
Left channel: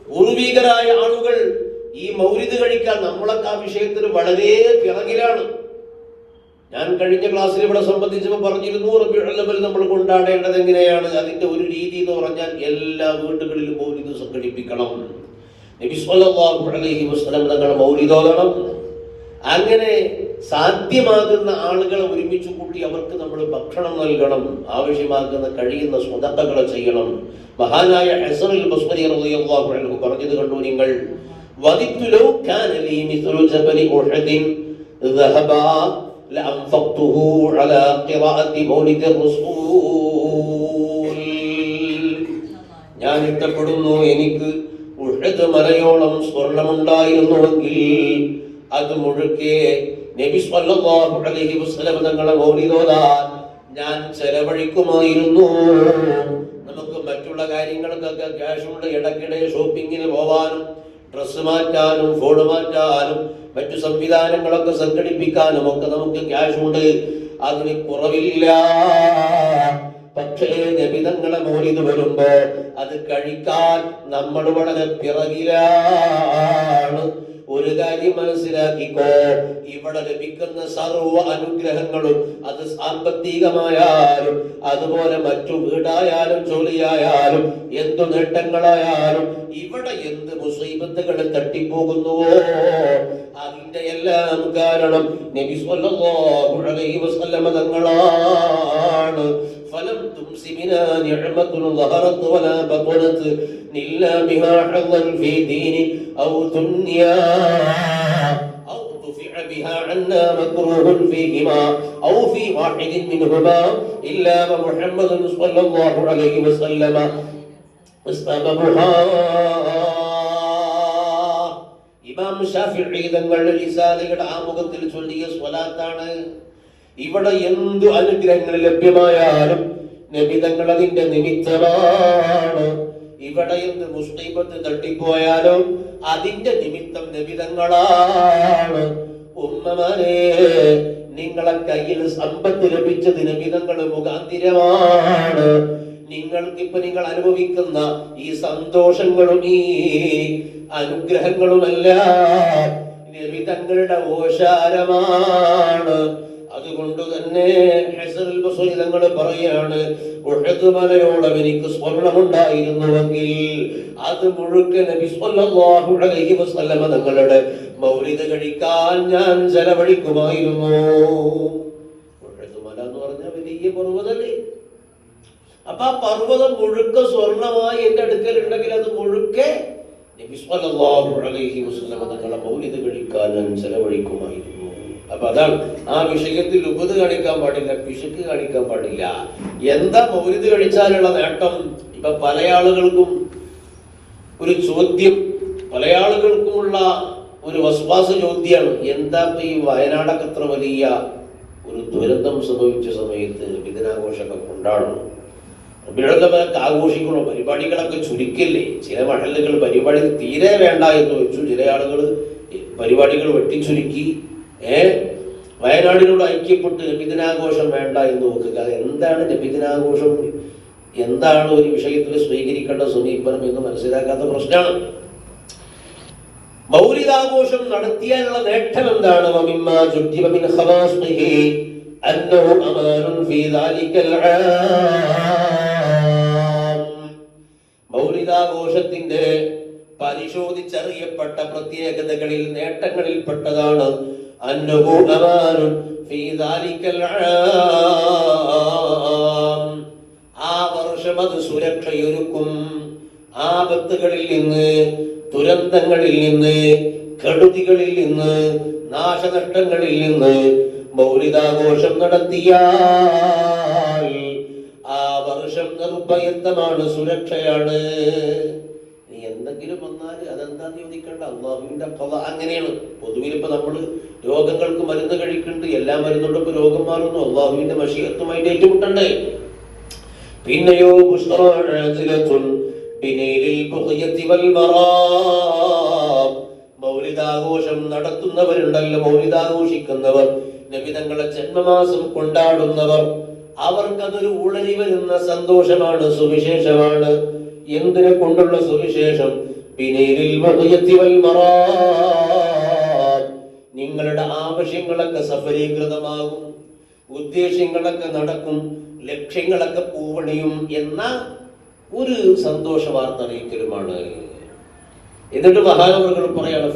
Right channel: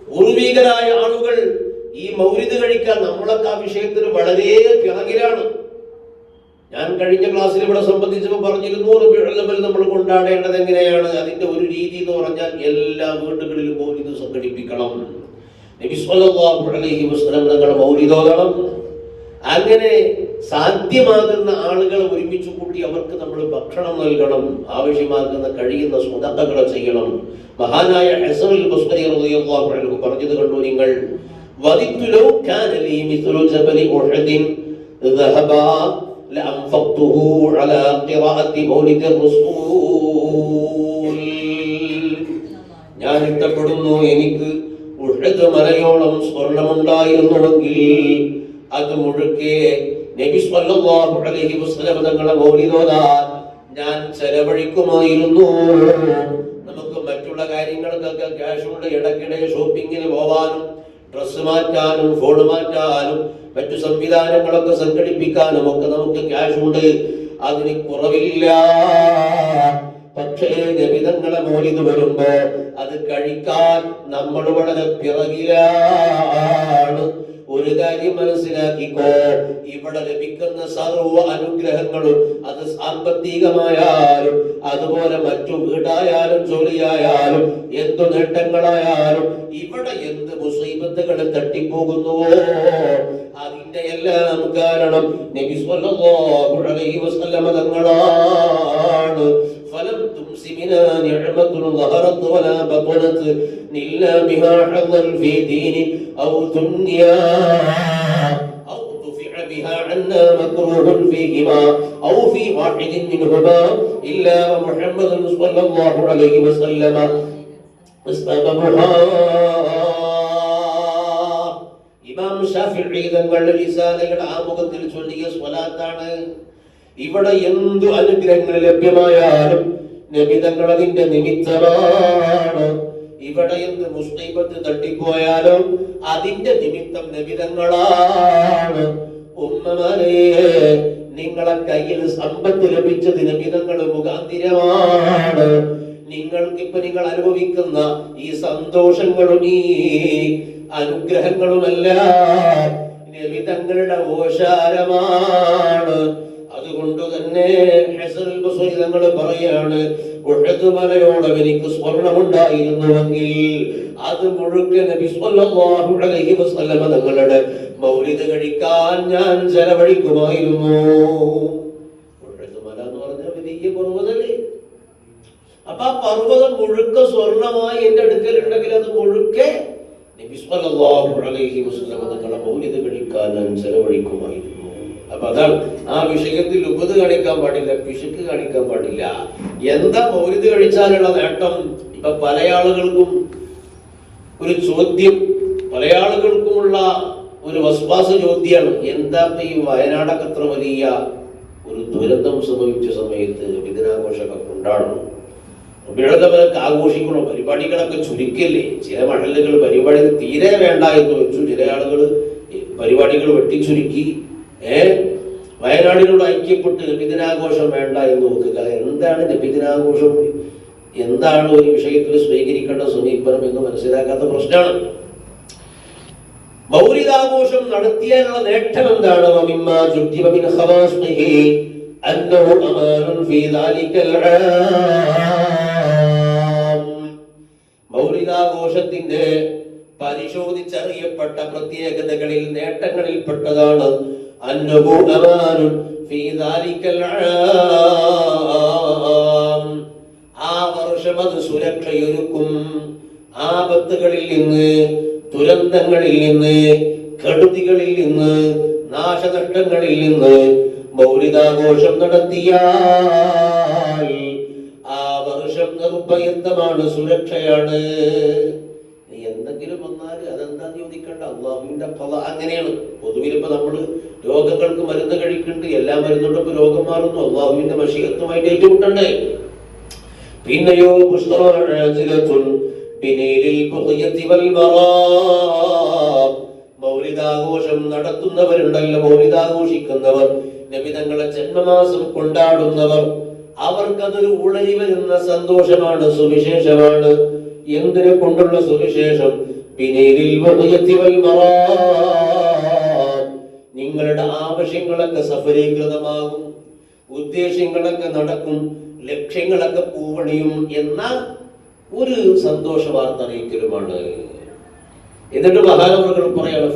പൂർവികരായ ആളുകൾ ഈ മൗലിദ് കഴിക്കാൻ നമ്മളൊക്കെ ആ വിഷയത്തിൽ വളരെ പിറകിലാണ്. ഞാൻ കഴിഞ്ഞ ക്ലാസ്സിൽ ഇവിടെ സംബന്ധിച്ചപ്പോൾ പറഞ്ഞിരുന്നു, റബീഉൽ അവ്വൽ നമ്മൾ കൊണ്ടാടേണ്ടത് എങ്ങനെയാണ്. അതിന്റെ ഒരു രീതി എന്ന് പറഞ്ഞാൽ എല്ലാ വീടുകളിലും മൗലിദ് സംഘടിപ്പിക്കണം. നബി സ്വല്ലല്ലാഹു അലൈഹി വസല്ലം തങ്ങൾ മൗലിദ് ഓതണം. അങ്ങനെ സാധ്യമാകുന്ന ആളുകളെ ഒരുമിച്ച് കൂട്ടി അവർക്ക് നമ്മൾ ഭക്ഷണം നൽകണം. ആവശ്യമാകുന്ന കഴിയുന്ന സ്വതക്കകൾ ചെയ്യണം. മഹാനായ ഹസൻ അൽ ബസ്രി റളിയല്ലാഹു അൻഹു പറഞ്ഞത് കണ്ടു നിങ്ങൾ, വദിത്തു ലൗ കാന ലീ മിസ്ലു ജബലി ഉഹദിൻ ദഹബാ ലഅൻഫഖ്തുഹു അലാ ഖിറാഅത്തി മൗലിദിർ റസൂൽ. ഞാൻ ഇഷ്ടപ്പെടുന്നു, എനിക്ക് ഉഹദ് മലയോളം സ്വർണമുണ്ടായിരുന്നുവെങ്കിൽ അത് മുഴുക്കെ നബി സ്വല്ലല്ലാഹു അലൈഹി വസല്ലം തങ്ങളെ മൗലിദ് ഓതാൻ ഞാൻ ചെലവഴിക്കുമായിരുന്നു. നമുക്ക് മറ്റുള്ള കാര്യങ്ങൾക്കൊക്കെ ക്യാഷുണ്ട്, ഇടയ്ക്കിടെ ഷോപ്പിങ്ങിന് പോവാനും ഡ്രസ്സ് മാറ്റാനും ഫോൺ മാറ്റാനും മറ്റു സംവിധാനങ്ങളൊക്കെ സംഘടിപ്പിക്കാനും ഒക്കെ നമുക്ക് ക്യാഷുണ്ട്, അതിന് കുറവില്ല. പക്ഷേ നബിതങ്ങളെ മൗലിദ് വരുമ്പോ അത് കഴിക്കാൻ നമ്മൾ വളരെ പിറകിലാണ്. ഒരു കാര്യം മനസ്സിലാക്കിക്കോ, ഇവിടെ ലഭിക്കുന്ന സർവ്വ അനുഗ്രഹങ്ങളും അത് സാമ്പത്തികമായാലും അതുപോലെ മറ്റു വീടായാലും ജോലിയായാലും എന്തു നേട്ടങ്ങളായാലും ഇവിടെ എന്ത് മുസീബത്തുകൾ തട്ടിപ്പോകുന്നുവോ അതിന്റെ എല്ലാം കാരണം നബി സ്വല്ലല്ലാഹു അലൈഹി വസല്ലം തങ്ങളാണ്. فلم تمس بنا نعمة ظهرت ولا بطنت إلا بها حظا في دين أو دنيا أو دفع بها عنا مكروه فيهما أو في واحد منهما إلا ومحمد صلى الله عليه وسلم استببها. ഇമാം ശാഫിഈ തങ്ങളുടെ റിസാലയുടെ ആമുഖത്തിൽ ചൊല്ലിയ സ്വലാത്താണ്. ഇവിടെ എന്ത് അനുഗ്രഹങ്ങൾ ലഭ്യമായാലും നബി തങ്ങൾ അതിന്റെ നിമിത്തമാണ്. ഇവിടെ എന്ത് മുസ്ലിമത്ത് തട്ടിപ്പോയാലും അതിന്റെ നിമിത്തം നബി തങ്ങളാണ്. ഉമ്മമാരെ, നിങ്ങളെ കയ്യിൽ സമ്പത്ത് ലഭിച്ചത് നബി തങ്ങൾ മുഖാന്തിരമാണ്. നിങ്ങൾക്കിപ്പോ നിങ്ങൾ അനുഭവിക്കുന്ന ഈ സന്തോഷങ്ങളും ഈ അനുഗ്രഹങ്ങളുമെല്ലാം നബി തങ്ങളുടെ ഓശാരമാണ്. അതുകൊണ്ട് തന്നെ ഹസൻ അൽ ബസ്രി തങ്ങൾ പറയാണ്, ഉഹദ് മലയോളം എനിക്ക് സ്വർണമുണ്ടായിരുന്നുവെങ്കിൽ അത് മുഴുവൻ നബി സ്വല്ലല്ലാഹു അലൈഹി വസല്ലം തങ്ങളുടെ മൗലിദ് കഴിക്കാൻ ഞാൻ ചെലവഴിക്കുമായിരുന്നു. ഉഹദ് മല എന്ന് പറഞ്ഞ വലിയ പർവ്വതമല്ലേ. അപ്പൊ ആ പർവ്വതം മുഴുക്ക സ്വർണമായി എന്റെ അടുക്കലുണ്ടെങ്കിൽ അത് മുഴുക്കെ നബി സ്വല്ലല്ലാഹു അലൈഹി വസല്ലം തങ്ങളുടെ മൗലിദ് കഴിക്കാൻ ഞാൻ ചെലവഴിക്കുമായിരുന്നു. അപ്പൊ അതാണ് ആ വിഷയത്തിൽ ഉപത് കാണിക്കാൻ പാടില്ല, പിശുക്ക് കാണിക്കാൻ പാടില്ല. എന്താ മൗലിദ് കഴിച്ചാലുള്ള നേട്ടം? ഇപ്പൊ പല ആളുകൾക്കും ഒരു ചോദ്യം, പല ആളുകൾക്കുമുള്ള ഒരു വസ്വാസ ചോദ്യമാണ്, എന്താ ഈ വയനാടൊക്കെ അത്ര വലിയ ഒരു ദുരന്തം സംഭവിച്ച സമയത്ത് ദിനാഘോഷമൊക്കെ കൊണ്ടാടണം, റബീഉൽ ആഘോഷിക്കണം, പരിപാടികളൊക്കെ ചുരുക്കില്ലേ? ചില മഹല്ലുകൾ പരിപാടി തീരെ വേണ്ട എന്ന് വെച്ചു, ചില ആളുകൾ പരിപാടികൾ വെട്ടിച്ചുരുക്കി. വയനാടിനോട് ഐക്യപ്പെട്ട് നബിദിനാഘോഷം വേണ്ട എന്ന് നോക്കുക. എന്താണ് നബിദിനാഘോഷം, എന്താണ് ഒരു വിഷയത്തിൽ സ്വീകരിക്കേണ്ട സമീപനം എന്ന് മനസ്സിലാക്കാത്ത പ്രശ്നമാണ്. മൗലിദാഘോഷം നടത്തിയാലുള്ള നേട്ടം എന്താണ്? മൗലിദാഘോഷത്തിന്റെ പരിശോധിച്ചറിയപ്പെട്ട പ്രത്യേകതകളിൽ നേട്ടങ്ങളിൽ പെട്ടതാണ് അന്നഹു അമാനുൻ ഫീ ദാലിക്കൽ ആം. ആ വർഷം അത് സുരക്ഷയൊരുക്കും. ആപത്തുകളിൽ നിന്ന്, ദുരന്തങ്ങളിൽ നിന്ന്, കെടുതികളിൽ നിന്ന്, നാശനഷ്ടങ്ങളിൽ നിന്ന് മൗലിദാഘോഷം നടത്തിയാൽ ആ വർഷം നിർഭയത്വമാണ്, സുരക്ഷയാണ്. നീ എന്തൊക്കെ എന്തെങ്കിലും വന്നാൽ അതെന്താന്ന് ചോദിക്കണ്ട, അള്ളാഹുവിന്റെ ഖള അങ്ങനെയാണ്. പൊതുവിൽ ഇപ്പൊ നമ്മള് രോഗങ്ങൾക്ക് മരുന്ന് കഴിക്കുന്നുണ്ട്, എല്ലാ മരുന്നുകൊണ്ടൊക്കെ രോഗം മാറുന്നു, അള്ളാഹുവിന്റെ മശീഅത്തുമായിട്ട് ഏറ്റുമുട്ടണ്ടേ. പിന്നെയോ മൗലിദാഘോഷം നടത്തുന്നവരുണ്ടല്ലോ, മൗലിദാഘോഷിക്കുന്നവർ, നബി തങ്ങളുടെ ജന്മമാസം കൊണ്ടാടുന്നവർ, അവർക്കതൊരു ഉളരി വരുന്ന സന്തോഷമാണ്, സുവിശേഷമാണ്. എന്തിനെ കൊണ്ടുള്ള സുവിശേഷം? നിങ്ങളുടെ ആവശ്യങ്ങളൊക്കെ സഫലീകൃതമാകും, ഉദ്ദേശ്യങ്ങളൊക്കെ നടക്കും, ലക്ഷ്യങ്ങളൊക്കെ പൂവണിയും എന്ന ഒരു സന്തോഷ വാർത്ത അറിയിക്കലുമാണ്. എന്നിട്ട് മഹാനവറുകൾ പറയാണ്,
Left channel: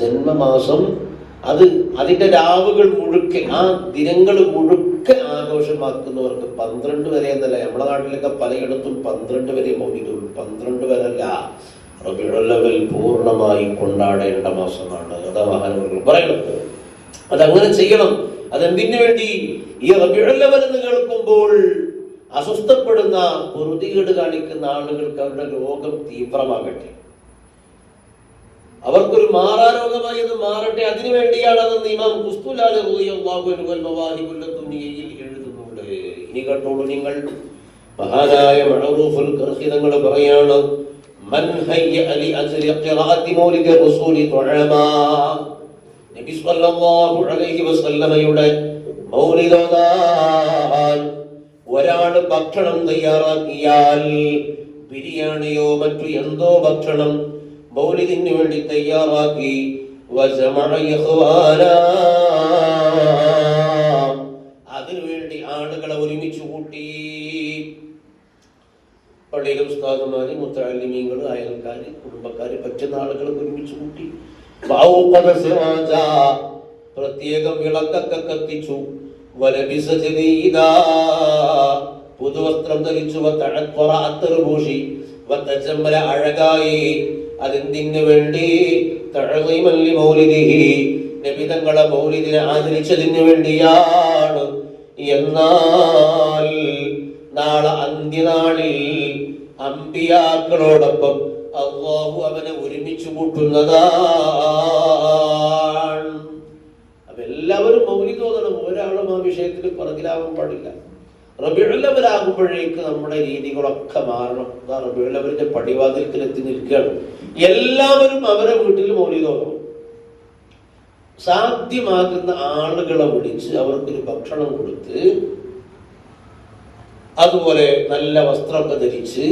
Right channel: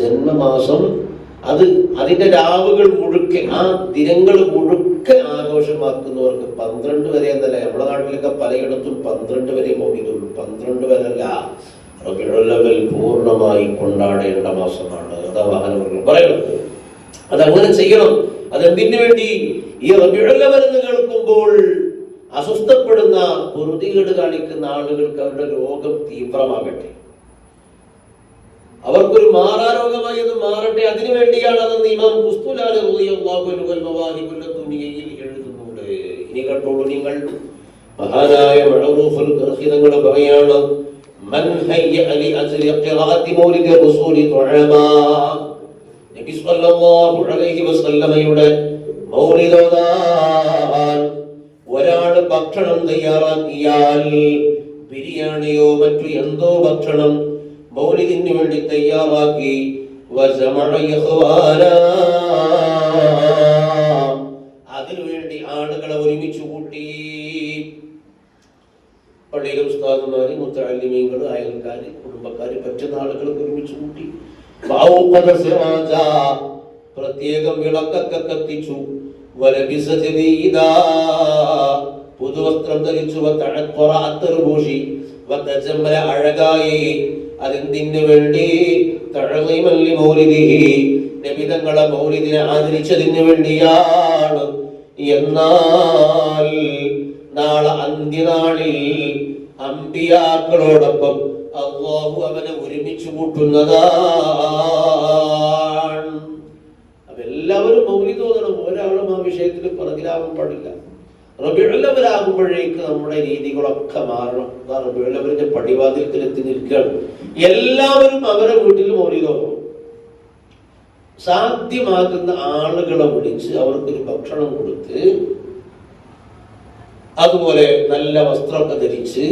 ജന്മമാസം അത് അതിന്റെ രാവുകൾ മുഴുക്കെ, ആ ദിനങ്ങൾ മുഴുക്കെ ആഘോഷമാക്കുന്നവർക്ക് 12 വരെ എന്നല്ല, നമ്മുടെ നാട്ടിലൊക്കെ പലയിടത്തും 12 വരെ മൗലിദുള്ളൂ. 12 വരല്ല, റബീഉൽ അവ്വൽ പൂർണ്ണമായി കൊണ്ടാടേണ്ട മാസമാണ്. അതാ മഹാനവറുകൾ പറയുന്നത്. അതങ്ങനെ ചെയ്യണം. അതെന്തിനു വേണ്ടി? ഈ റബീഉൽ അവ്വൽ എന്ന് കേൾക്കുമ്പോൾ അസ്വസ്ഥപ്പെടുന്ന, പൊറുതികേട് കാണിക്കുന്ന ആളുകൾക്ക് അവരുടെ രോഗം തീവ്രമാകട്ടെ, അവർക്കൊരു മാറാരോഗമായി അത് മാറട്ടെ. അതിനുവേണ്ടിയാണ് അതെന്ന് ഇമാം ഖുസ്തുലാനി റളിയല്ലാഹു അൻഹു മവാഹിബുൽ ദുനിയയിൽ എഴുതുന്നുണ്ട്. ഇനി കണ്ടോളൂ നിങ്ങൾ, മഹാനായ മഅറൂഫുൽ ഖർഖി തങ്ങൾ പറയാണ്, മൻ ഹയ്യ ലി അജ്രി ഖിറാഅത്തി മൗലിദി റസൂലി തുഅമാ. നബി സ്വല്ലല്ലാഹു അലൈഹി വസല്ലമയുടെ മൗലിദ് ഓതാൻ ഒരാൾ ഭക്ഷണം തയ്യാറാക്കിയാൽ, ബിരിയാണിയോ മറ്റു എന്തോ ഭക്ഷണം മൗലിദിന് വേണ്ടി തയ്യാറാക്കി, അതിനുവേണ്ടി ആളുകളെ ഒരുമിച്ച് കൂട്ടി, പള്ളിയിലെ ഉസ്താദുമാര്, മുത്തഅല്ലിമീങ്ങൾ, അയൽക്കാര്, കുടുംബക്കാര്, പറ്റുന്ന ആളുകൾ ഒരുമിച്ച് കൂട്ടി, പ്രത്യേകം വിളക്കൊക്കെ കത്തിച്ചു, പുതുവസ്ത്രം ധരിച്ചു, അത്തർ പൂശി, അഴകായി. അതെന്തിനു വേണ്ടി? നബി തങ്ങളെ മൗലിദിനെ ആദരിച്ചതിന് വേണ്ടിയാണ്. എന്നാൽ നാളെ അന്ത്യനാളിൽ അമ്പിയാക്കളോടൊപ്പം അല്ലാഹു അവനെ ഒരുമിച്ച് കൂട്ടുന്നതാണ്. അപ്പൊ എല്ലാവരും മൗലിദ് ഓതണം, ഒരാളും ആ വിഷയത്തിൽ പുറകിലാവാൻ പാടില്ല. റബീഉൽ അവ്വൽ ആകുമ്പോഴേക്ക് നമ്മുടെ രീതികളൊക്കെ മാറണം. റബീഉൽ അവ്വലിന്റെ പടിവാതിൽക്കൽ എത്തി നിൽക്കുകയാണ്. എല്ലാവരും അവരെ വീട്ടിൽ മൗലിദ് ഓതണം. സാധ്യമാകുന്ന ആളുകളെ വിളിച്ച് അവർക്കൊരു ഭക്ഷണം കൊടുത്ത്, അതുപോലെ നല്ല വസ്ത്രമൊക്കെ ധരിച്ച്,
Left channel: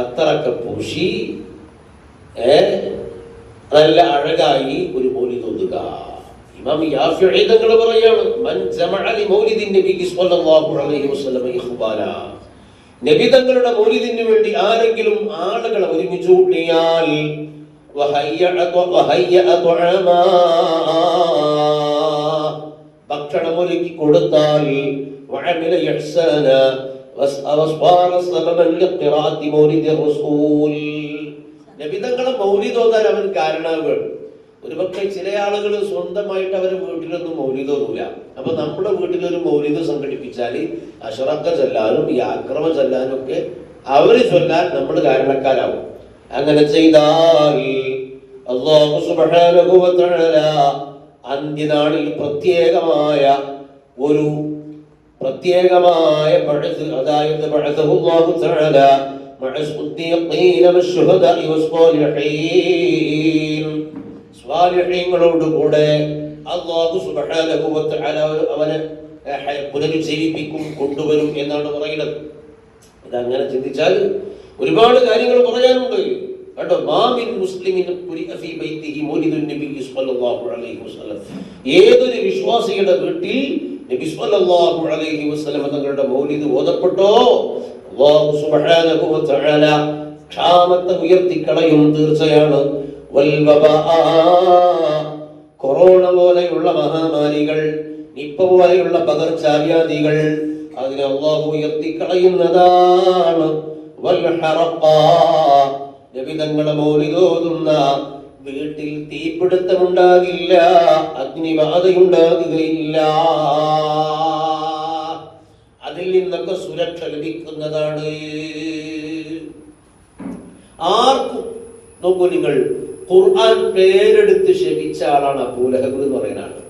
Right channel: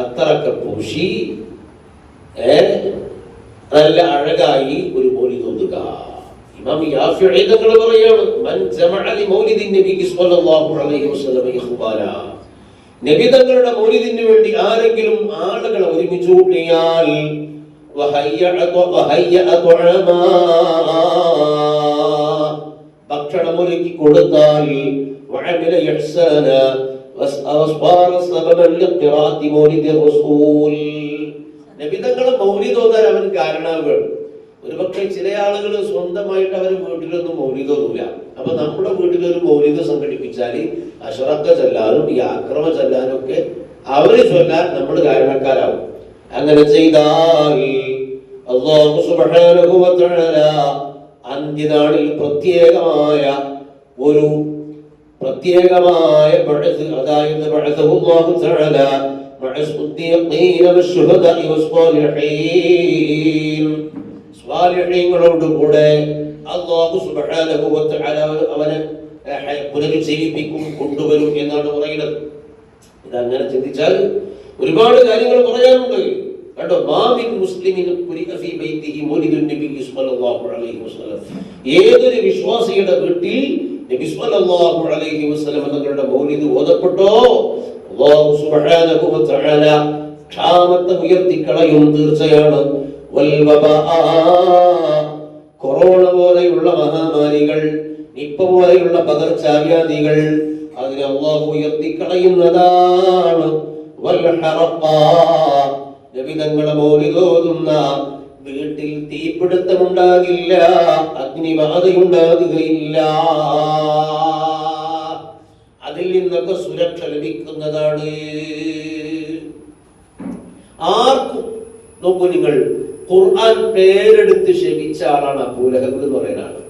അത്തറൊക്കെ പൂശി, നല്ല അഴകായി ഒരു മൗലിദ് ഓതുക. ഇമാം യാഫിഈ തങ്ങൾ പറയാണ്, മൻ ജമഅ ലി മൗലിദിൻ നബി സ്വല്ലല്ലാഹു അലൈഹി വസല്ലം ഇഖ്ബാല. നബി തങ്ങളുടെ മൗലിദിന് വേണ്ടി ആരെങ്കിലും ആളുകളെ ഒരുമിച്ച് കൂട്ടിയാൽ, ഭക്ഷണം ഒരുക്കി കൊടുത്താൽ, നബി തങ്ങളെ മൗലിദ് ഓതാൻ അവൻ കാരണമാവുകയാണ്. ഒരുപക്ഷെ ചില ആളുകൾ സ്വന്തമായിട്ട് അവരെ വീട്ടിലൊന്നും മൗലിദ് ഓതില്ല. അപ്പൊ നമ്മുടെ വീട്ടിലൊരു മൗലിദ് സംഘടിപ്പിച്ചാൽ അശ്റക്ക ചൊല്ലാനും ഈ ആക്രമ ചൊല്ലാനും ഒക്കെ അവര് ചൊല്ലാൻ നമ്മൾ കാരണക്കാരാവും. അങ്ങനെ ചെയ്താൽ അല്ലാഹു സുബ്ഹാനഹു വ തആല അന്ത്യനാളിൽ പ്രത്യേകമായ ബഅസ്, അതായത് ബഅസഹു അല്ലാഹു തആല മഅസ്സുദ്ദീഖീന വശുഹദാഇ വസ്സാലിഹീൻ, സ്വാലിഹീങ്ങളോടുകൂടെ അല്ലാഹു സുബ്ഹാനഹു വ തആല അവനെ പുനരുജ്ജീവിപ്പിക്കും, കൊണ്ടുവരും എന്നാണ് പറയുന്നത്. ഇതങ്ങനെ ചിന്തിച്ചാൽ ഒരുപാട് കാര്യങ്ങൾ പറയാനുണ്ട് കേട്ടോ. മാമിൻ മുസ്ലിമിൻ ഖുരിഅ ഫീ ബൈതിഹി മൗലിദുൻ നബി സ്വല്ലല്ലാഹു അലൈഹി വസല്ലം. ഏതൊരു വിശ്വാസിയുടെ വീട്ടിൽ നബി സ്വല്ലല്ലാഹു അലൈഹി വസല്ലം തങ്ങളുടെ മൗലിദ് ഓതപ്പെട്ടോ, അല്ലാഹു സുബ്ഹാനഹു വ തആല ക്ഷാമത്തെ ഉയർത്തിക്കളയും തീർച്ചയാണ്. കൊറോണ പോലെയുള്ള മഹാമാരികൾ, നിപ്പ പോലെയുള്ള പകർച്ചവ്യാധികൾ, അതിനെ അല്ലാഹു ഉയർത്തിക്കളയുന്നതാണ്. നബി തങ്ങളെ മൗലിദ് ഓതുന്ന വീട്ടിൽ തീപിടുത്തമുണ്ടാകില്ല, അഗ്നിബാധയുണ്ടാകുകയില്ല. അതിൽ നിന്നൊക്കെ സുരക്ഷ ലഭിക്കുന്നതാണ്. ആർക്കും നോക്കൂ, നിങ്ങൾ ഖുർആൻ പേരെടുത്ത് ശപിച്ച ആളാണ് അബൂ ലഹബ് എന്ന് പറയുന്ന ആള്.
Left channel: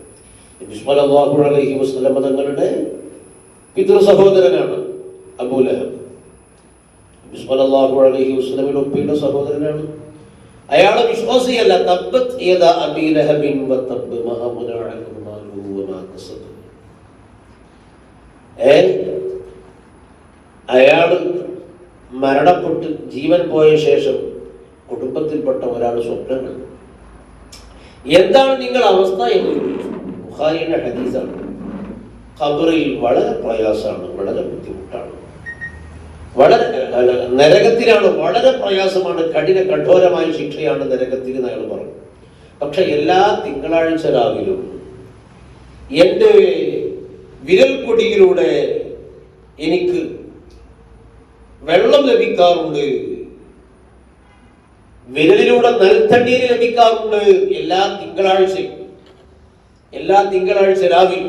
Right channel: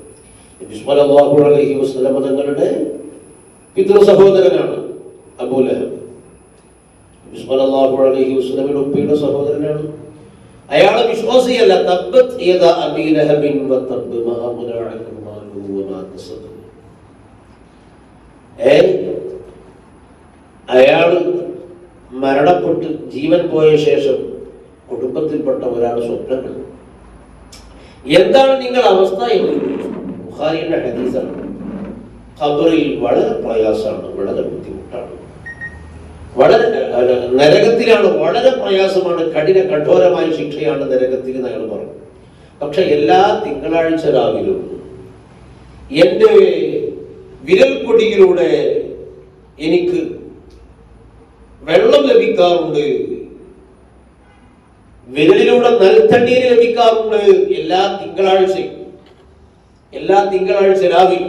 നബി സ്വല്ലല്ലാഹു അലൈഹി വസല്ലം തങ്ങളുടെ പിതൃ സഹോദരനാണ് അബൂ ലഹബ്. നബി സ്വല്ലല്ലാഹു അലൈഹി വസല്ലമിന്റെ ഉപ്പയുടെ സഹോദരനാണ്. അയാളെ വിശ്വാസിയല്ല. തബ്ബത് യദാ അബീ ലഹബിൻ വതബ്ബ മാ അഗ്നാ അൻഹു മാലുഹു വമാ കസബ. അയാൾ മരണപ്പെട്ട് ജീവൻ പോയ ശേഷം കുടുംബത്തിൽപ്പെട്ട ഒരാൾ സ്വപ്നം കണ്ടു. എന്താണ് നിങ്ങൾ അവസ്ഥ എന്ന്. ബുഖാരിയുടെ ഹദീസാണ്. ഖബറിൽ വളരെ പ്രയാസമാണ്, വളരെ ബുദ്ധിമുട്ടാണ്, വളരെ നരകത്തിലാണ്, വളരെ പ്രയാസമാണ്, കഠോരമായ ശിക്ഷയാണ് നരകത്തിൽ എന്ന് അയാൾ പറഞ്ഞു. പക്ഷെ എല്ലാ തിങ്കളാഴ്ച രാവിലും എന്റെ വിരൽപ്പൊടിയിലൂടെ എനിക്ക് വെള്ളം ലഭിക്കാറുണ്ട്, വിരലിലൂടെ നൽത്തണ്ണീര് ലഭിക്കാറുണ്ട് എല്ലാ തിങ്കളാഴ്ച രാവിലെ.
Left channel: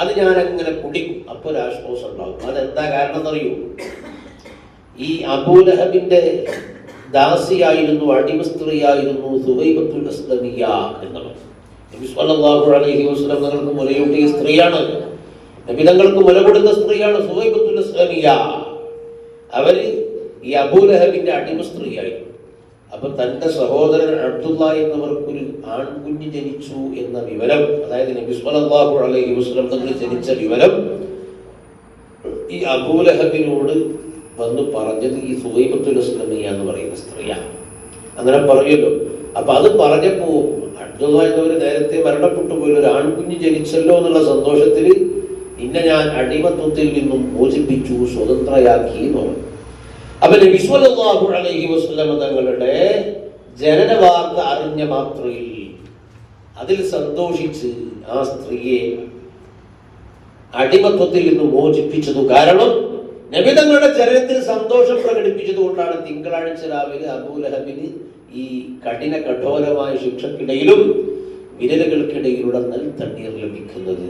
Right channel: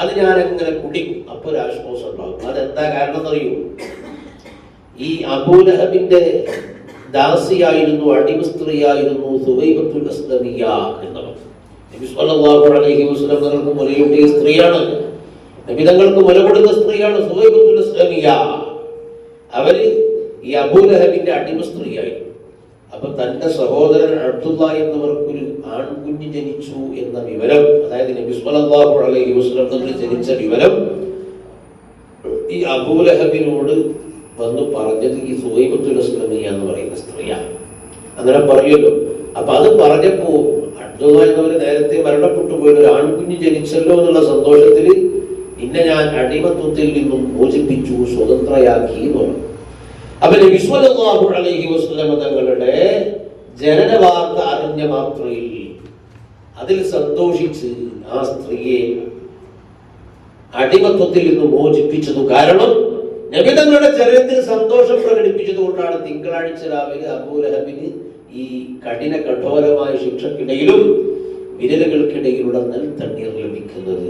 അത് ഞാൻ അങ്ങനെ കുടിക്കും, അപ്പൊ ഒരു ആശ്വാസം ഉണ്ടാകും. അതെന്താ കാരണം എന്നറിയൂ? ഈ അബൂ ലഹബിന്റെ ദാസിയായിരുന്നു, അടിമ സ്ത്രീയായിരുന്നു സുവൈബത്തുൽ അസ്ലമിയ എന്നുള്ളത്. നബി സ്വല്ലല്ലാഹു അലൈഹി വസല്ലം തങ്ങൾക്ക് മുലയൂട്ടിയ സ്ത്രീയാണ്, നബി തങ്ങൾക്ക് മുല കൊടുത്ത സ്ത്രീയാണ് സുവൈബത്തുൽ അസ്ലമിയ. അവര് ഈ അബൂ ലഹബിന്റെ അടിമ സ്ത്രീയായിരുന്നു. അപ്പൊ തന്റെ സഹോദരൻ അബ്ദുള്ള എന്നവർക്കൊരു ആൺകുഞ്ഞ് ജനിച്ചു എന്ന വിവരം, അതായത് നബി സ്വല്ലല്ലാഹു അലൈഹി വസല്ലം തങ്ങൾ ജനിച്ച വിവരം ഈ അബൂ ലഹബിനോട് വന്ന് പറഞ്ഞത് ഈ സുവൈബത്തുൽ അസ്ലമിയ എന്ന് പറയുന്ന സ്ത്രീയാണ്. അങ്ങനെ പറയുമല്ലോ. അപ്പൊ അത് പറഞ്ഞപ്പോ അബ്ദുള്ള എന്നവര് നേരത്തെ മരണപ്പെട്ടു പോയി ഒരു ആൺകുഞ്ഞ് ജനിച്ചല്ലോ എന്നുള്ള സന്തോഷത്തിൽ ഇന്നെ ഞാൻ അടിമത്വത്തിൽ നിന്നും മോചിപ്പിച്ചു, സ്വതന്ത്രയാക്കി എന്ന് പറഞ്ഞു. അപ്പൊ നബി സ്വല്ലല്ലാഹു അലൈഹി വസല്ലം തങ്ങളുടെ ജനന വാർത്ത അറിഞ്ഞ മാത്രയിൽ അതിൽ സന്തോഷിച്ച് ആ സ്ത്രീയെ അടിമത്വത്തിൽ നിന്ന് മോചിപ്പിച്ചത് കാരണം നബി തങ്ങളുടെ ചരിത്രത്തിൽ സന്തോഷം പ്രകടിപ്പിച്ചത് കൊണ്ടാണ് തിങ്കളാഴ്ച രാവിലെ അബൂ ലഹബിന് ഈ കഠോരമായ ശിക്ഷക്കിടയിലും വിരലുകൾക്കിടയിലൂടെ നൽതണ്ണീർ ലഭിക്കുന്നത്.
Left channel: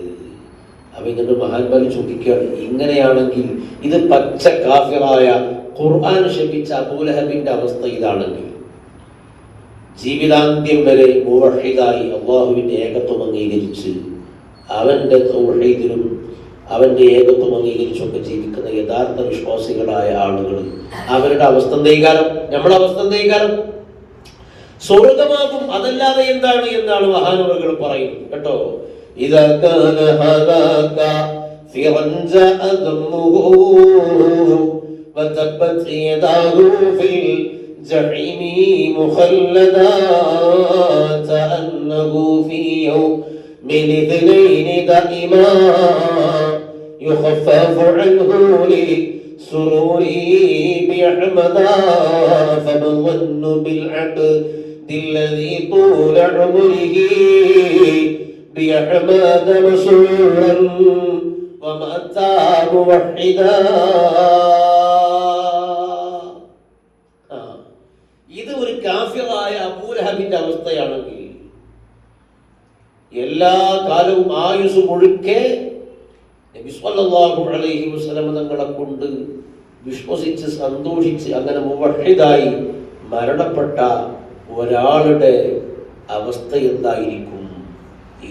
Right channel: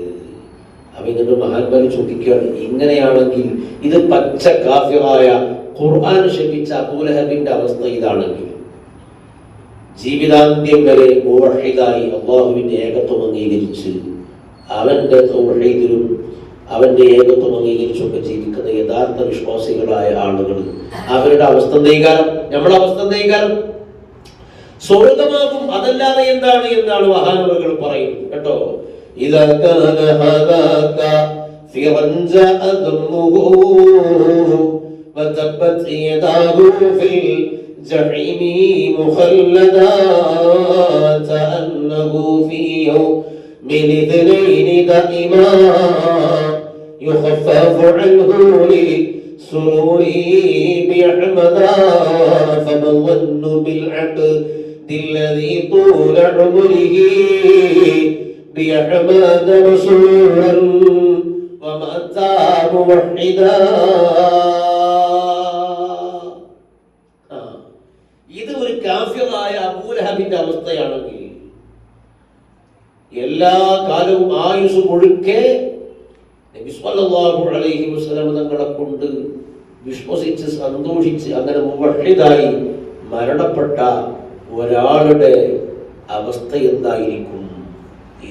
അവരുടെ മഹാന്മാര് ചോദിക്കുകയാണ്, ഇങ്ങനെയാണെങ്കിൽ ഇത് പച്ച കാഫിറായ ഖുർആൻ ശപിച്ച അബൂ ലഹബിന്റെ അവസ്ഥ ഇതാണെങ്കിൽ ജീവിതാന്ത്യം വരെ മുവഹിദായി അല്ലാഹുവിന്റെ ഏകത്വം അംഗീകരിച്ച് അവന്റെ തൗഹീദിലും അവന്റെ ഏകത്വം അംഗീകരിച്ചൊക്കെ ജീവിക്കുന്ന യഥാർത്ഥ വിശ്വാസികളായ ആളുകൾ അവരുടെ അവസ്ഥ എന്തേകാരം, നമ്മളെ അവസ്ഥ എന്തേകാരം? സ്വർഗമാകും. അതല്ലാതെ എന്താണ് എന്നാണ് മഹാനവറുകൾ പറയുന്നത് കേട്ടോ. ഇദാ കാന ഹദാക ഫിറൻജ അദമുഹു വതബത് യദാഹു ഫിൽ ജഹീമി മുഖല്ലദാ തഅന്നഹു ഫീ യൗമിൻ ഇദ്നൈൻ ദഇമാ يخفف عنه لسروره بأحمدا فما الظن بالعبد الذي طول عمره بأحمد رسولا ومات موحدا. ഇത് ഒരു കാഫിറായ അബൂ ലഹബിന്റെ അവസ്ഥയാണെങ്കിൽ എല്ലാ കാലവും ആയുസ് മുഴുക്കെ നബി സ്വല്ലല്ലാഹു അലൈഹി വസല്ലം തങ്ങളെ കൊണ്ട് വിശ്വസിച്ച് സന്തോഷിച്ച് അങ്ങനെ മുവഹിദായി മരണപ്പെട്ട ഒരാളുടെ അവസ്ഥ എന്തായിരിക്കും